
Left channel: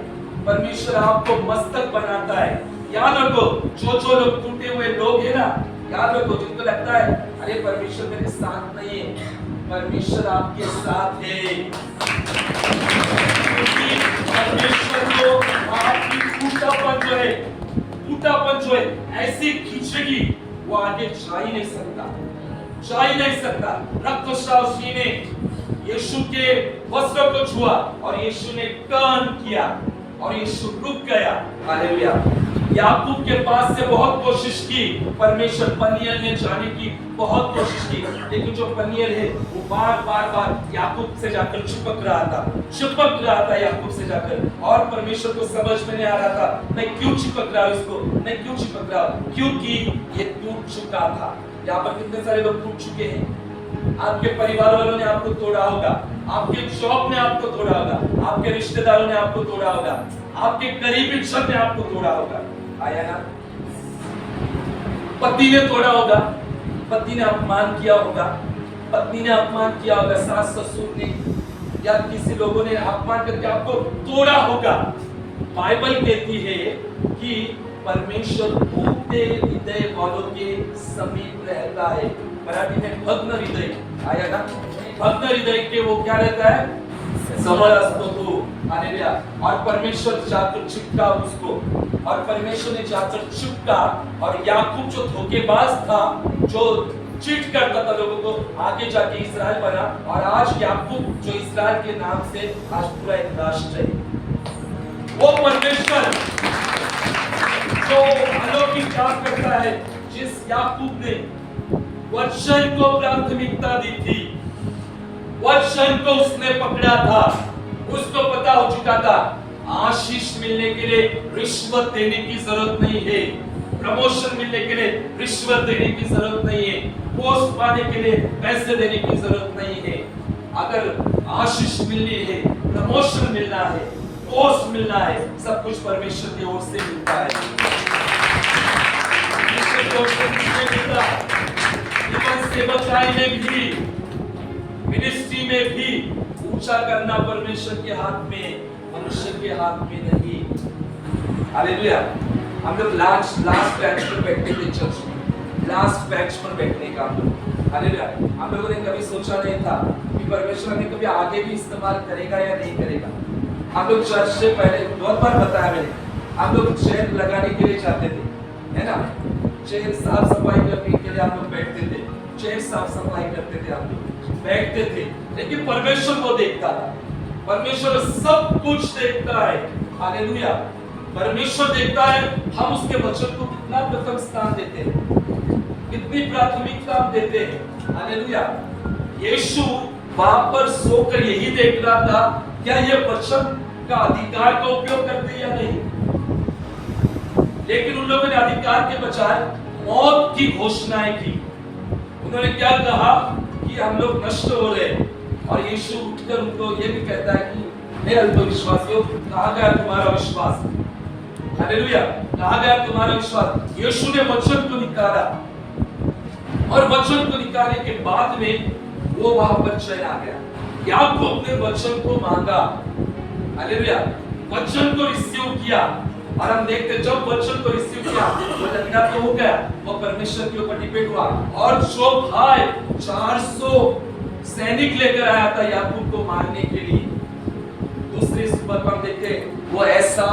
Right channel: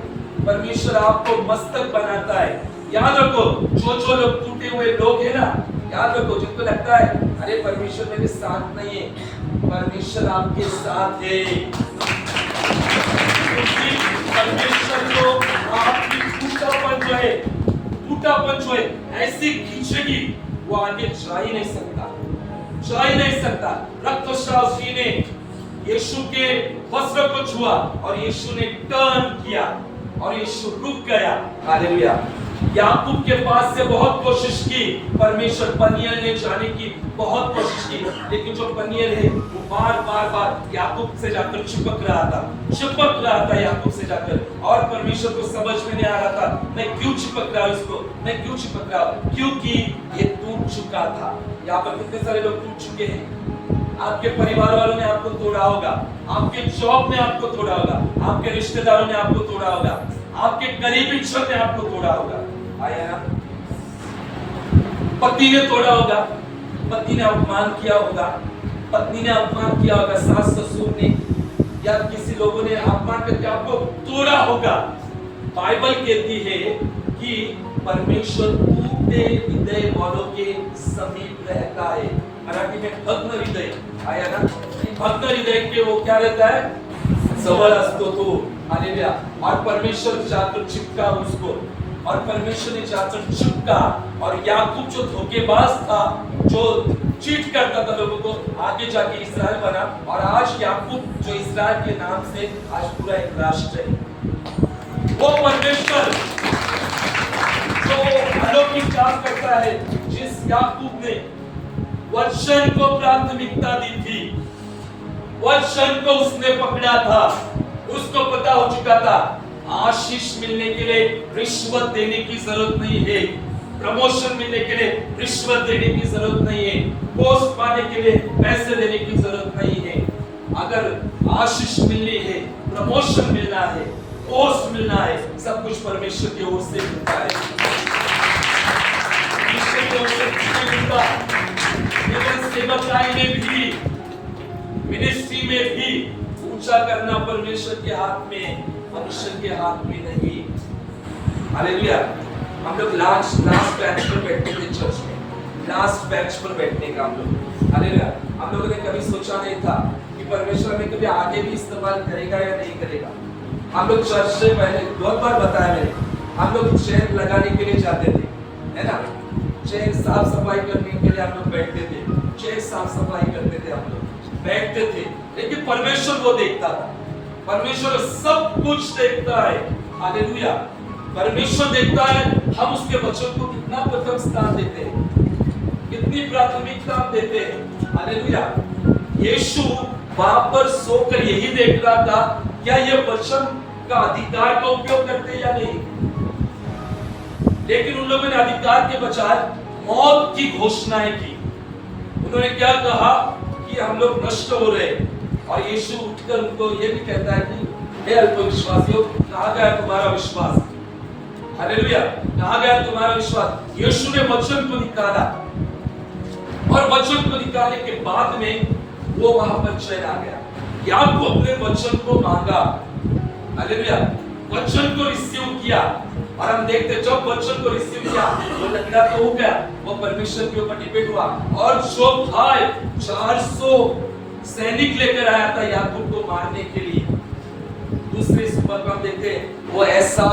परमेश्वर आपको मस्तक बनाता है। याद रखो, जो लोग टूटे हुए लोग हैं ना, याद रखो, जिनको लगता है अरे परमेश्वर मेरे साथ नहीं है, परमेश्वर आपके साथ है। क्योंकि परमेश्वर को आपकी टूटापन जो है ऐसी खींचेगी, वो आगे जा ही नहीं सकता। रक्तस्राव जी ने यीशु के वस्त्र को छुआ और यीशु ने टर्न किया और यीशु रुक गया। हालेलुया। याकूब के पास से बहुत कोशिश की, परमेश्वर पनियल ने जाने की बहुत कोशिश की, लेकिन जो पनियल है वो बार याकूब से जाकर चिपक रहा था याकूब से जाकर, और परमेश्वर को समझ में नहीं आ रहा था मैं क्यों चिपक रहा हूं, क्योंकि ये टूट चुका था। यहाँ पर कितने सारे लोग टूट चुके हैं। आपके परिवार वालों ने आपको तोड़ा होगा, आपके जॉब ने आपको तोड़ा होगा, आपके रिश्तेदारों ने आपको तोड़ा होगा, आपके करीबी जन ने आपको तोड़ा होगा। आया ना? पति ने तोड़ा होगा, पति ने अपमान किया होगा, पत्नी ने अपमान किया होगा, सास ससुर ने या किसी लोगों ने अपमान करके आपको तोड़ा होगा। बाइबल कहती है कि परमेश्वर टूटे हृदय वालों के समीप रहता है। मराठी में भग्न हृदय आया ना? भग्न हृदय के वो क्या रहता है? सबल असतो तो। हालेलुया। और परमेश्वर जाकर चिपका उसको, और परमेश्वर ने जाकर चिपका, और याकूब जो धोखेबाज था, जो चीट करता था लोगों को, आगे जाके इस्राएल बना, और आज याकूब जो इस्राएल के नाम से आज पूरा एक राष्ट्र है। वो परमेश्वर जो अलौकिक काम करता है, जिस याकूब ने वचन को प्राथमिकता दी थी, वचन को उसने पकड़ा था, उसको पता हो चुका था आशीष मिलने के लिए रिश्वत देने की जरूरत नहीं है, प्रमोशन मिलने के लिए रिश्वत देने की जरूरत नहीं है, पोस्ट पाने के लिए पैसे देने की जरूरत नहीं है। अगर आशीष मिलनी है, प्रमोशन मिलना है, पोस्ट मिलना है, सब कुछ परमेश्वर की ओर से मिलता है। ईश्वर की ओर से मिलता है। सेवकाई में भी, मिनिस्ट्री में भी ऊंचा करना परमेश्वर के हाथ में, मनुष्य के हाथ में नहीं। हालेलुया। हम लोग लास्ट बेंच पर बैठते थे चर्च में, लास्ट बेंच पर बैठने का हम लोग। हालेलुया। हम लोगों ने कभी सोचा नहीं था कि परमेश्वर हमें कभी आगे भी इस्तेमाल करेगा या नहीं करेगा। हम लोग चर्च से पहले बहुत बार बताया मैंने, हम लोग चेयर लगाने के लिए जाते थे, है ना? चेयर साफ सफाई करने के लिए हम लोग बैठते थे, चेयर साफ सफाई करते थे, हम लोग बैठते थे, लेकिन परमेश्वर वो देखता था। परमेश्वर सब कुछ देखता है। हालेलुया। परमेश्वर देखता है हम उसके वचन को कितना प्रथम स्थान देते हैं, कितनी प्राथमिकता हम देते हैं। हालेलुया। यीशु वहां पर सोकर यही देख रहा था, क्या ये वचन का अधिकार का उपयोग करते या नहीं। लेकिन उन लोगों ने अधिकार के बजाय मौत की घोषणाएं की। उन्होंने क्या कहा कि हम लोग नष्ट हो रहे हैं, और यीशु उठकर उनको ये भी कहता है कि हे अल्पविश्वासियों, कहां गया तुम्हारा विश्वास। हालेलुया। कहां गया तुम्हारा विश्वास। यीशु ने वचन को निकाला, और वचन को निकालने के बाद में वो वहां पर चैन आ गया। याकूब अपने वचन को मांगा। हालेलुया। वचन को रिसीव किया, और हम देखते जब वचन को रिसीव किया वो लंगड़ा तो हो गया, वो परमेश्वर के ऊपर डिपेंड हुआ, और जो भाई 400 सैनिक लेकर आया था याकूब को मारने के लिए, दूसरी सुबह पर हम देखते वो ऐसा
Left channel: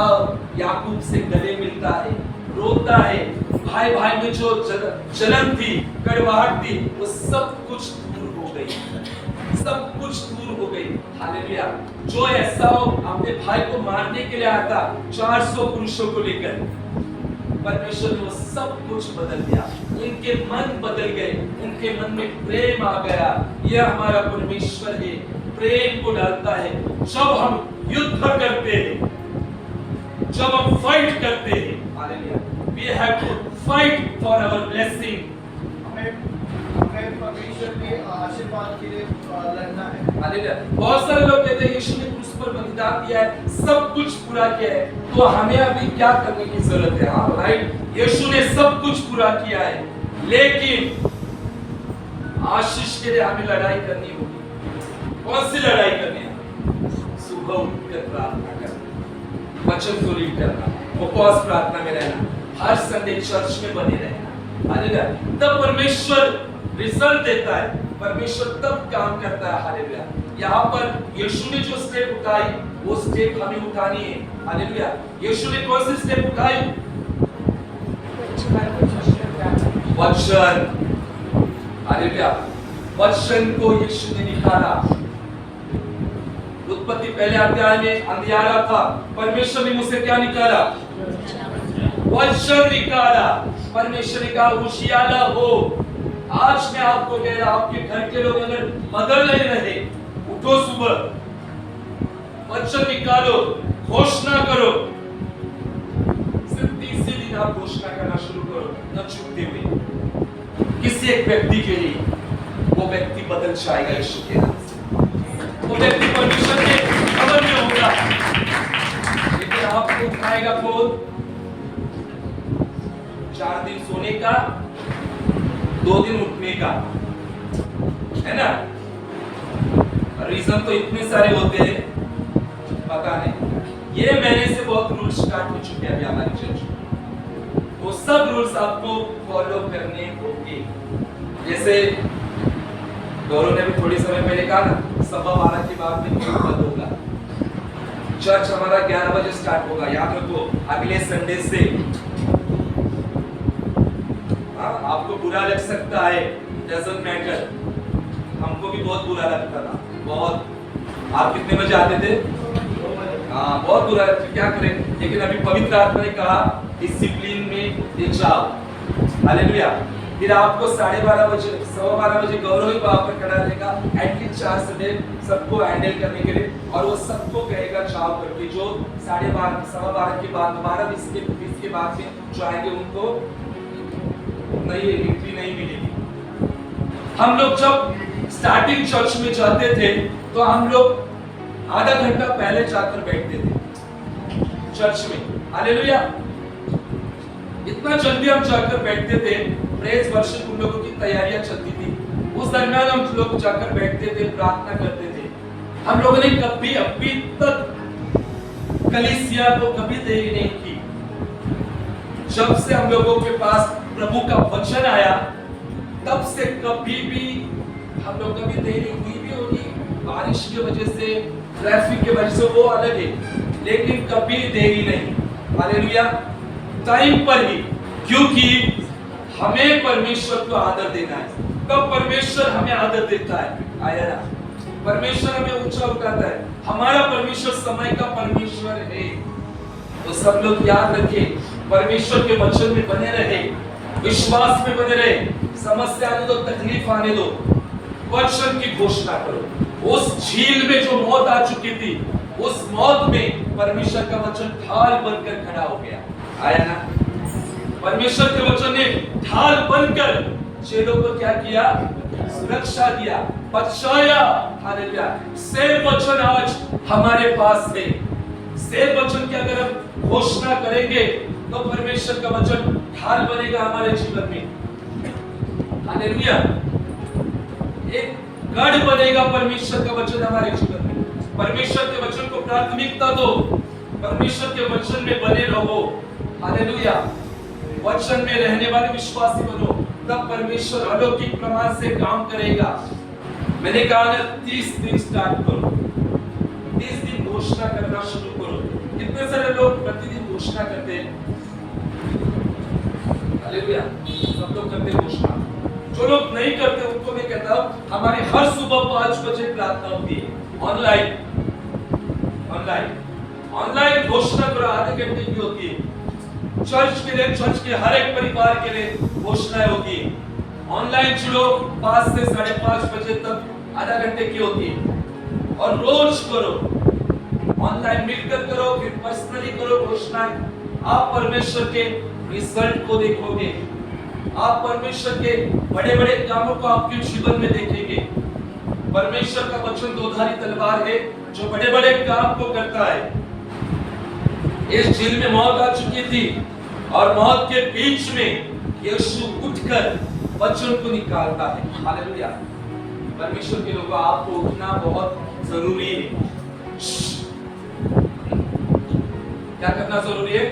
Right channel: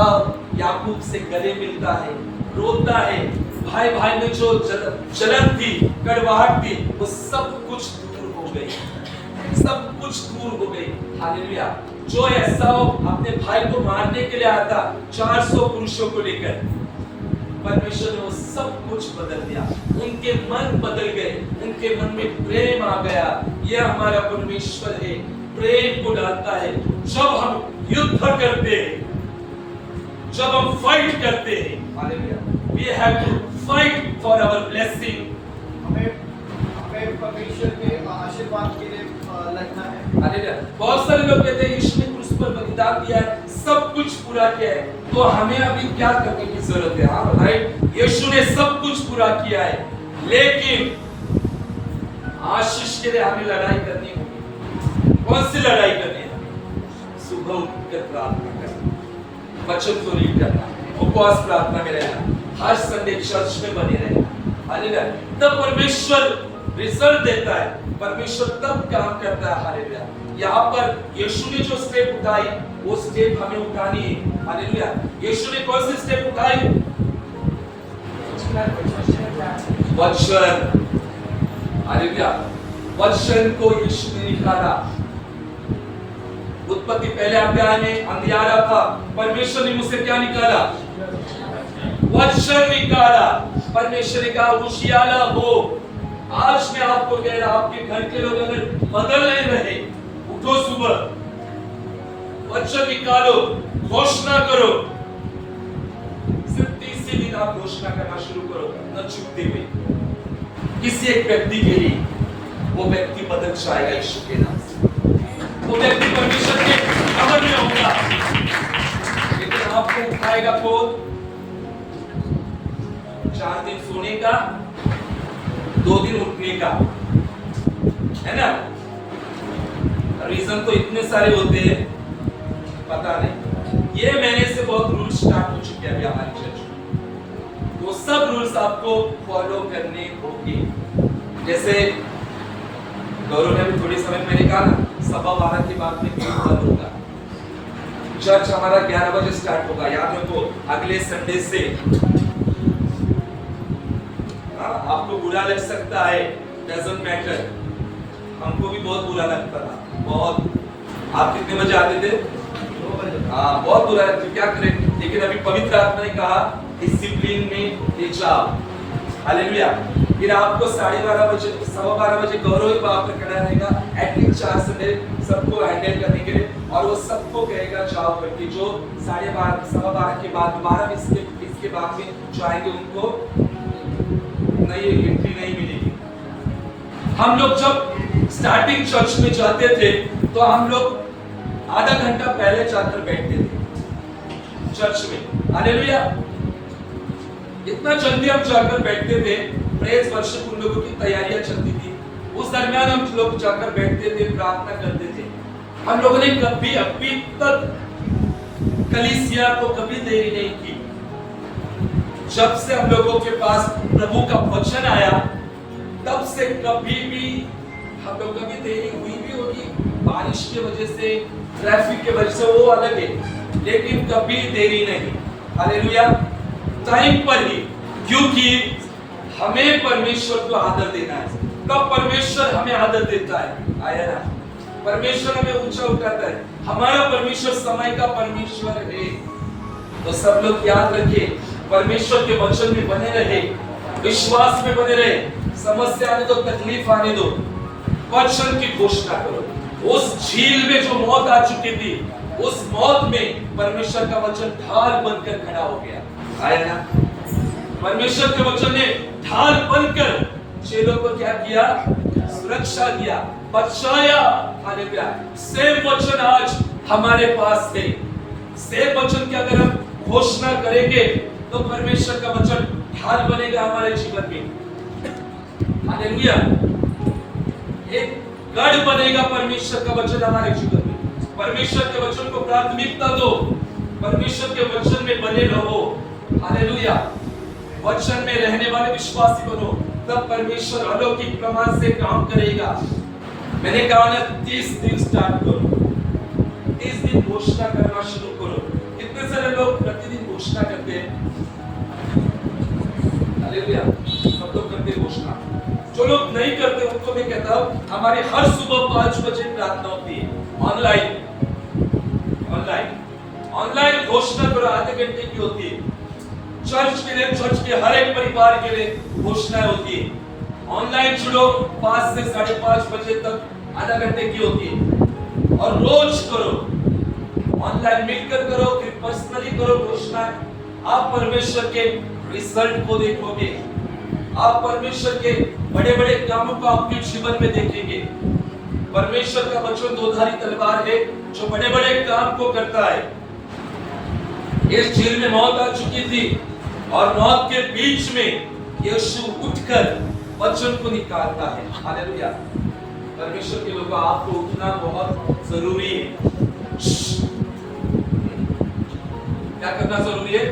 याकूब से गले मिलता है, रोता है। भाई भाई में जो जलन थी, कड़वाहट थी, वो सब कुछ दूर हो गई, सब कुछ दूर हो गई। हालेलुया। जो ऐसा अपने भाई को मारने के लिए आया था 400 पुरुषों को लेकर, परमेश्वर ने वो सब कुछ बदल दिया। उनके मन बदल गए, उनके मन में प्रेम आ गया। यह हमारा परमेश्वर है, प्रेम को डालता है। जब हम युद्ध करते हैं, जब हम फाइट करते हैं, hallelujah, we have to fight for our blessing. हमें परमेश्वर के आशीर्वाद के लिए लड़ना है। हालेलुया। बहुत सारे लोग कहते हैं यीशु ने क्रूस पर बलिदान दिया है, सब कुछ पूरा किया है, तो हमें अभी क्या करने की जरूरत है। हाँ राइट, यीशु ने सब कुछ पूरा किया है, लेकिन आशीष के लिए हमें लड़ाई करनी होगी। कौन सी लड़ाई करनी है? सुबह उठकर प्रार्थना करना, वचन को रीड करना, उपवास प्रार्थना में रहना, हर संडे चर्च में बने रहना, हालेलुया। तब परमेश्वर रिजल्ट देता है, परमेश्वर तब काम करता है। हालेलुया। यहाँ पर यीशु ने जो स्टेप उठाई वो स्टेप हमें उठानी है। हालेलुया। यीशु ने कौन सी स्टेप उठाई? वचन। हालेलुया। वचन को यीशु ने निकाला। उत्पत्ति पहले अध्याय में अंधियारा था, परमेश्वर ने मुझसे क्या निकाला? वचन निकाला। परमेश्वर ने कहा उजियाला हो। आज मैं आपको कह रहा, आपके घर के लोग अगर बदल नहीं रहे, उठो सुबह, वचन निकालो, घोषणा करो। सिर्फ 30 दिन आप घोषणा करना शुरू करो, न चूकते हुए। किसी एक व्यक्ति के लिए वो व्यक्ति बदल जाएगा यीशु के नाम से। वो व्यक्ति परमेश्वर के खबर में होगा। लेकिन आपको उठाएगा कौन? 4 दिन सोने का, 2 दिन उठने का, है ना? रीजन तो इतने सारे होते हैं, पता नहीं। ये महीने से बहुत रूल स्टार्ट हो चुके हैं अभी हमारी चर्च में, तो सब रूल्स आपको फॉलो करने होंगे। जैसे गौरव ने भी थोड़ी समय पहले कहा ना, 12:15 के बाद में मीटिंग बंद होगा। चर्च हमारा 11 बजे स्टार्ट होगा। याद रखो, अगले संडे से। आपको बुरा लग सकता है, डजंट मैटर। हमको भी बहुत बुरा लगता था, बहुत। आप कितने बजे आते थे? हाँ, बहुत बुरा लगता, क्या करें। लेकिन अभी पवित्र आत्मा ने कहा डिसिप्लिन में ले जाओ। हालेलुया। फिर आपको 12:30 बजे, 12:15 बजे गौरव ही वहां पर खड़ा रहेगा, एटलीस्ट 4 संडे सबको हैंडल करने के लिए, और वो सबको कहेगा जाओ करके। जो 12:30, 12:15 के बाद दोबारा इसके बाद में जो आएंगे उनको नहीं, एंट्री नहीं मिलेगी। हम लोग जब स्टार्टिंग चर्च में जाते थे तो हम लोग आधा घंटा पहले जाकर बैठते थे चर्च में। हालेलुया। इतना जल्दी हम जाकर बैठते थे, प्रेज वर्शिप उन लोगों की तैयारियां चलती थी, उस दरमियान हम लोग जाकर बैठते थे, प्रार्थना करते थे। हम लोगों ने कभी अभी तक कलीसिया को कभी देरी नहीं की। जब से हम लोगों के पास प्रभु का वचन आया, तब से कभी भी हम लोग कभी देरी हुई भी होगी, बारिश की वजह से, ट्रैफिक की वजह से, वो अलग है, लेकिन कभी देरी नहीं। हालेलुया। टाइम पर ही, क्योंकि हमें परमेश्वर को आदर देना है, तब परमेश्वर हमें आदर देता है। आया ना? परमेश्वर हमें ऊंचा उठाता है। हमारा परमेश्वर समय का परमेश्वर है। तो सब लोग याद रखें, परमेश्वर के वचन में बने रहे, विश्वास में बने रहे। समस्या आने दो, तकलीफ आने दो, वचन की घोषणा करो। उस झील में जो मौत आ चुकी थी, उस मौत में परमेश्वर का वचन ढाल बनकर खड़ा हो गया। आया ना? परमेश्वर के वचन ने ढाल बनकर चेलों को क्या किया? सुरक्षा दिया, बचाया। हालेलुया। सेम वचन आज हमारे पास है। सेम वचन की अगर हम घोषणा करेंगे तो परमेश्वर का वचन ढाल बनेगा हमारे जीवन में। हालेलुया। एक गढ़ बनेगा परमेश्वर का वचन हमारे जीवन में। परमेश्वर के वचन को प्राथमिकता दो, परमेश्वर के वचन में बने रहो। हालेलुया। वचन में रहने वाले विश्वासी बनो, तब परमेश्वर अलौकिक प्रमाण से काम करेगा। मैंने कहा ना, 30 दिन स्टार्ट करो, 30 दिन घोषणा करना शुरू करो। कितने सारे लोग प्रतिदिन घोषणा करते हैं? हालेलुया। सब लोग करते हैं घोषणा। जो लोग नहीं करते उनको मैं कहता हूं, हमारी हर सुबह 5 बजे प्रार्थना होती है, ऑनलाइन। ऑनलाइन घोषणा करो, आधे घंटे की होती है। चर्च के लिए, चर्च के हर एक परिवार के लिए घोषणाएं होती है। ऑनलाइन जुड़ो, 5 से 5:30 बजे तक आधा घंटे की होती है, और रोज करो। ऑनलाइन मिलकर करो, फिर पर्सनली करो घोषणा। आप परमेश्वर के रिजल्ट को देखोगे, आप परमेश्वर के बड़े बड़े कामों को आपके जीवन में देखेंगे। परमेश्वर का वचन दोधारी तलवार है जो बड़े बड़े काम को करता है। इस झील में मौत आ चुकी थी, और मौत के बीच में यीशु उठकर वचन को निकालता है। हालेलुया। परमेश्वर के लोगों, आपको उठना बहुत जरूरी है। क्या करना जरूरी है?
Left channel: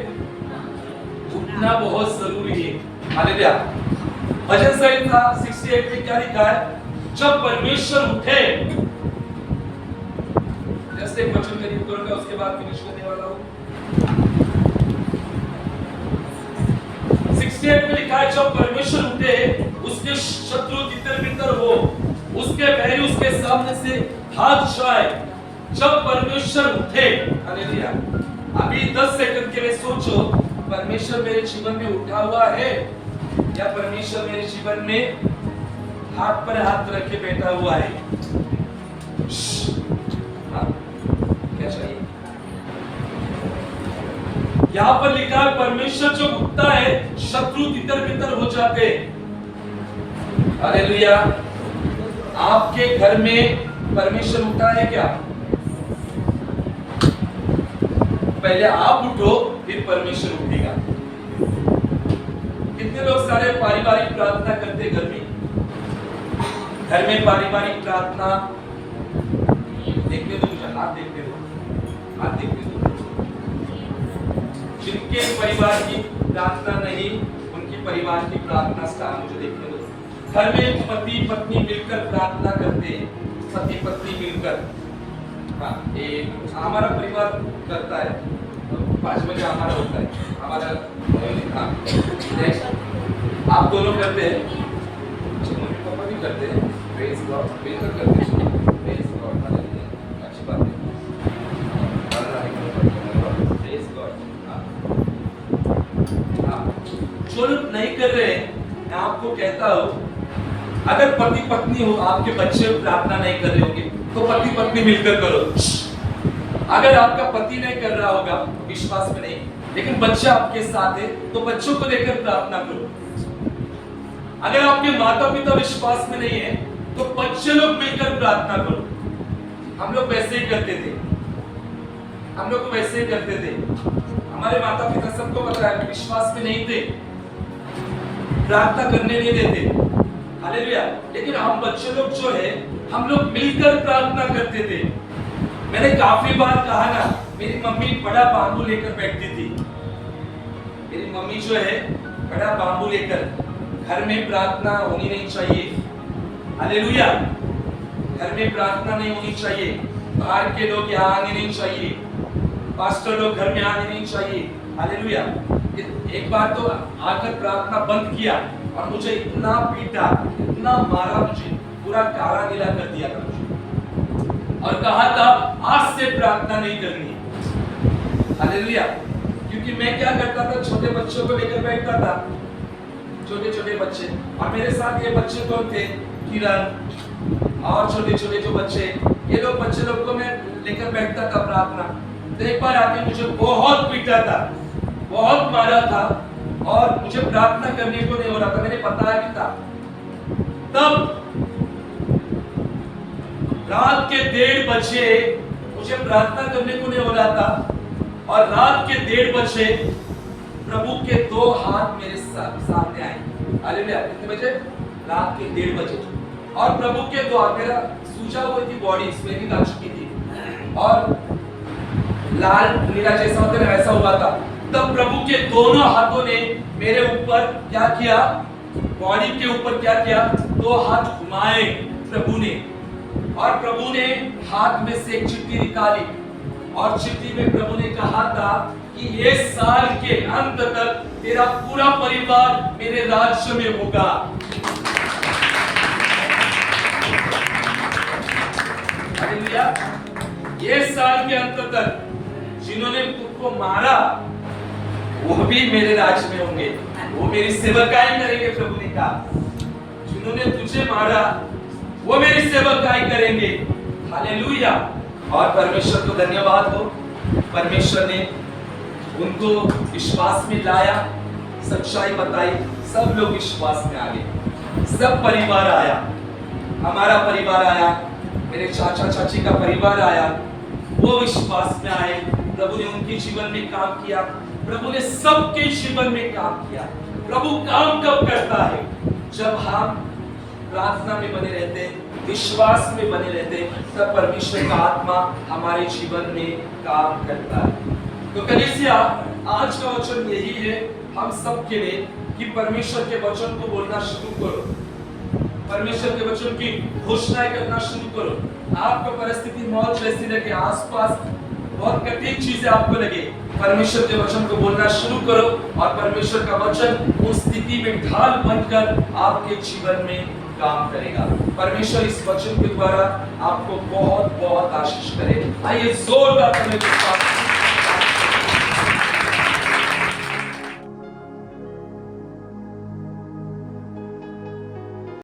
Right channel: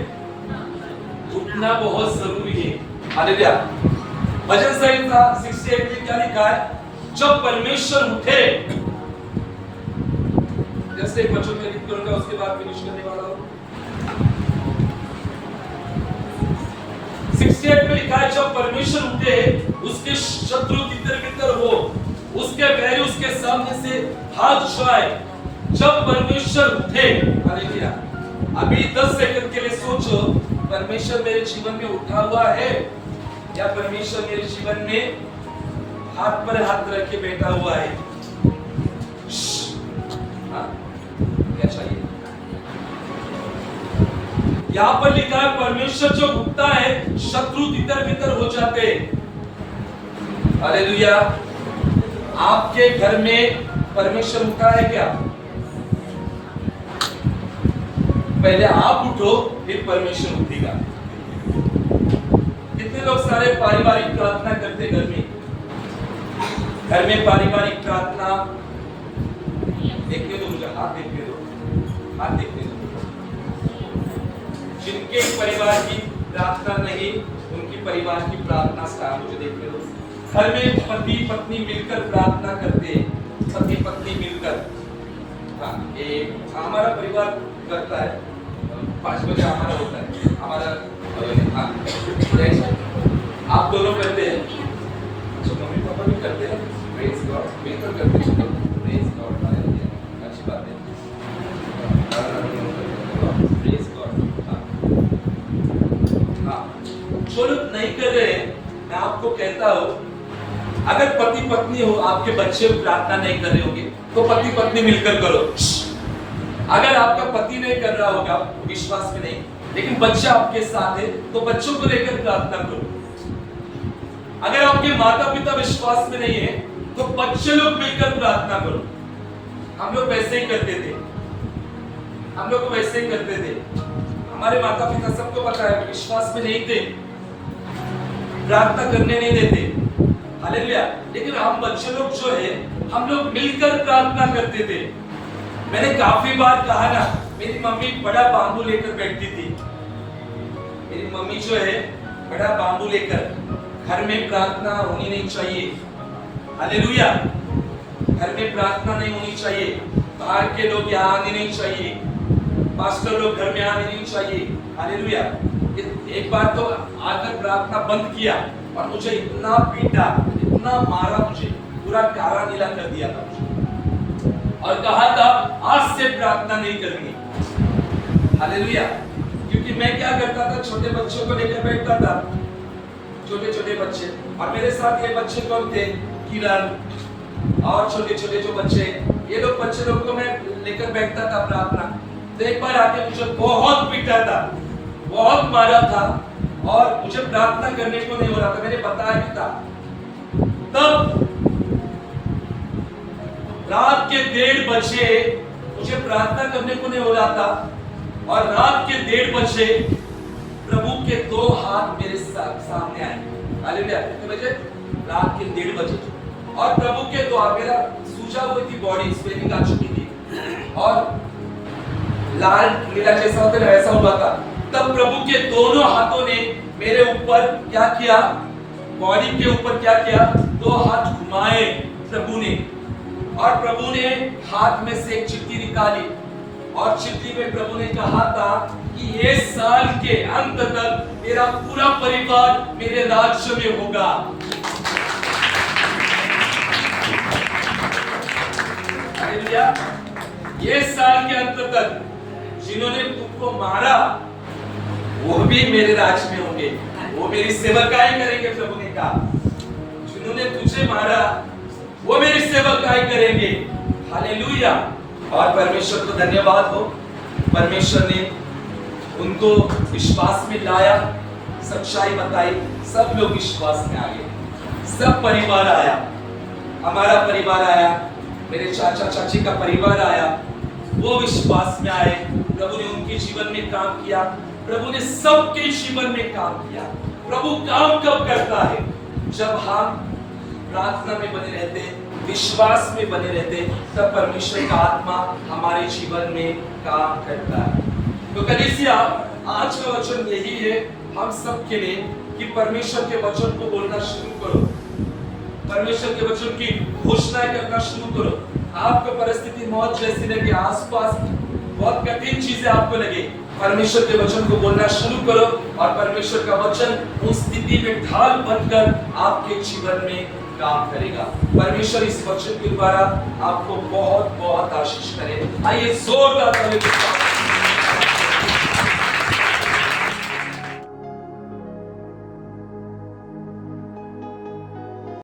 उठना बहुत जरूरी है। हालेलुया। भजन संहिता 68 में क्या लिखा है? जब परमेश्वर उठे, जैसे एक वचन में रीड करूंगा, उसके बाद फिनिश करने वाला हूं। 68 में लिखा है, जब परमेश्वर उठे, उसके शत्रु तितर-बितर हो, उसके बैरी उसके सामने से भाग जाए। जब परमेश्वर उठे, हालेलुया। अभी 10 सेकंड के लिए सोचो, परमेश्वर मेरे जीवन में उठा हुआ है या परमेश्वर मेरे जीवन में हाथ पर हाथ रख के बैठा हुआ है? हाँ, क्या चाहिए? यहां पर लिखा है, परमेश्वर जो उठता है, शत्रु तितर-बितर हो जाते हैं। हालेलुया। आपके घर में परमेश्वर उठा है क्या? पहले आप उठो, फिर परमेश्वर उठेगा। कितने लोग सारे पारिवारिक प्रार्थना करते घर में? घर में पारिवारिक प्रार्थना देखने दो मुझे, हाथ देखने दो, हाथ देखने दो। जिनके परिवार की प्रार्थना नहीं, उनकी परिवार की प्रार्थना स्टार मुझे देखने दो। घर में पति पत्नी मिलकर प्रार्थना करते हैं, पति पत्नी मिलकर। हाँ, एक हमारा परिवार करता है, 5 बजे हमारा होता है, हमारा हाँ, आप दोनों करते हैं, मम्मी पापा भी करते हैं, प्रेज गॉड, बेहतर करते हैं, प्रेज गॉड, हालेलुया, अच्छी बात है, प्रेज गॉड। हाँ, जो लोग नहीं कर रहे हैं, मैं आपको कहता हूँ, अगर पति पत्नी हो, आपके बच्चे प्रार्थना नहीं कर रहे होंगे, तो पति पत्नी मिलकर करो। अगर आपका पति नहीं कर रहा होगा, विश्वास में नहीं, लेकिन बच्चा आपके साथ है, तो बच्चों को लेकर प्रार्थना करो। अगर आपके माता पिता विश्वास में नहीं है, तो बच्चे लोग मिलकर प्रार्थना करो। हम लोग वैसे ही करते थे, हम लोग वैसे ही करते थे। हमारे माता पिता सबको पता है, विश्वास में नहीं थे, प्रार्थना करने नहीं देते, हालेलुया। लेकिन हम बच्चे लोग जो है, हम लोग मिलकर प्रार्थना करते थे। मैंने काफी बार कहा ना, मेरी मम्मी बड़ा बांबू लेकर बैठती थी। मेरी मम्मी जो है, बड़ा बांबू लेकर, घर में प्रार्थना होनी नहीं चाहिए, हालेलुया। घर में प्रार्थना नहीं होनी चाहिए, बाहर के लोग यहाँ आने नहीं चाहिए, पास्टर लोग घर में आने नहीं चाहिए, हालेलुया। एक बार तो आकर प्रार्थना बंद किया और मुझे इतना पीटा, इतना मारा, मुझे पूरा काला नीला कर दिया था मुझे, और कहा था आज से प्रार्थना नहीं करनी, हालेलुया। क्योंकि मैं क्या करता था, छोटे बच्चों को लेकर बैठता था, छोटे छोटे बच्चे, और मेरे साथ ये बच्चे कौन थे, किरण और छोटे छोटे जो बच्चे, ये लोग बच्चे लोग को मैं लेकर बैठता था प्रार्थना। तो एक बार आके मुझे बहुत पीटा था, बहुत मारा था, और मुझे प्रार्थना करने को नहीं हो रहा था, मैंने बताया भी था। तब रात के 1:30 बजे मुझे प्रार्थना करने को नहीं हो रहा था, और रात के 1:30 बजे प्रभु के 2 हाथ मेरे सामने आए, हालेलुया। कितने बजे? रात के 1:30 बजे। और प्रभु के 2 हाथ, मेरा सूजा हुई थी बॉडी, स्वेलिंग आ चुकी थी, और लाल नीला जैसा होता है वैसा हुआ था। तब प्रभु के दोनों हाथों ने मेरे ऊपर क्या किया, बॉडी के ऊपर क्या किया, 2 हाथ घुमाए प्रभु ने, और प्रभु ने हाथ में से एक चिट्ठी निकाली, और चिट्ठी में प्रभु ने कहा था कि ये साल के अंत तक तेरा पूरा परिवार मेरे राज्य में होगा। हालेलुया। ये साल के अंत तक जिन्होंने तुमको मारा, वो भी मेरे राज्य में होंगे, वो मेरी सेवकाई करेंगे। प्रभु ने कहा, जिन्होंने तुझे मारा, वो मेरी सेवकाई करेंगे, हालेलुया। और परमेश्वर को धन्यवाद हो, परमेश्वर ने उनको विश्वास में लाया, सच्चाई बताई, सब लोग विश्वास में आ गए, सब परिवार आया, हमारा परिवार आया, मेरे चाचा चाची का परिवार आया, वो विश्वास में आए। प्रभु ने उनके जीवन में काम किया, प्रभु ने सबके जीवन में काम किया। प्रभु काम कब करता है? जब हम प्रार्थना में बने रहते, विश्वास में बने रहते, तब परमेश्वर का आत्मा हमारे जीवन में काम करता है। तो कलीसिया, आज का वचन यही है हम सब के लिए, कि परमेश्वर के वचन को बोलना शुरू करो, परमेश्वर के वचन की घोषणा करना शुरू करो। आपको परिस्थिति मौत जैसी लगे, आसपास बहुत कठिन चीजें आपको लगे, परमेश्वर के वचन को बोलना शुरू करो और परमेश्वर का वचन उस स्थिति में ढाल बनकर आपके जीवन में काम करेगा। परमेश्वर इस वचन के द्वारा आपको बहुत बहुत आशीष करे। आइए जोरदार ताली बजाएं।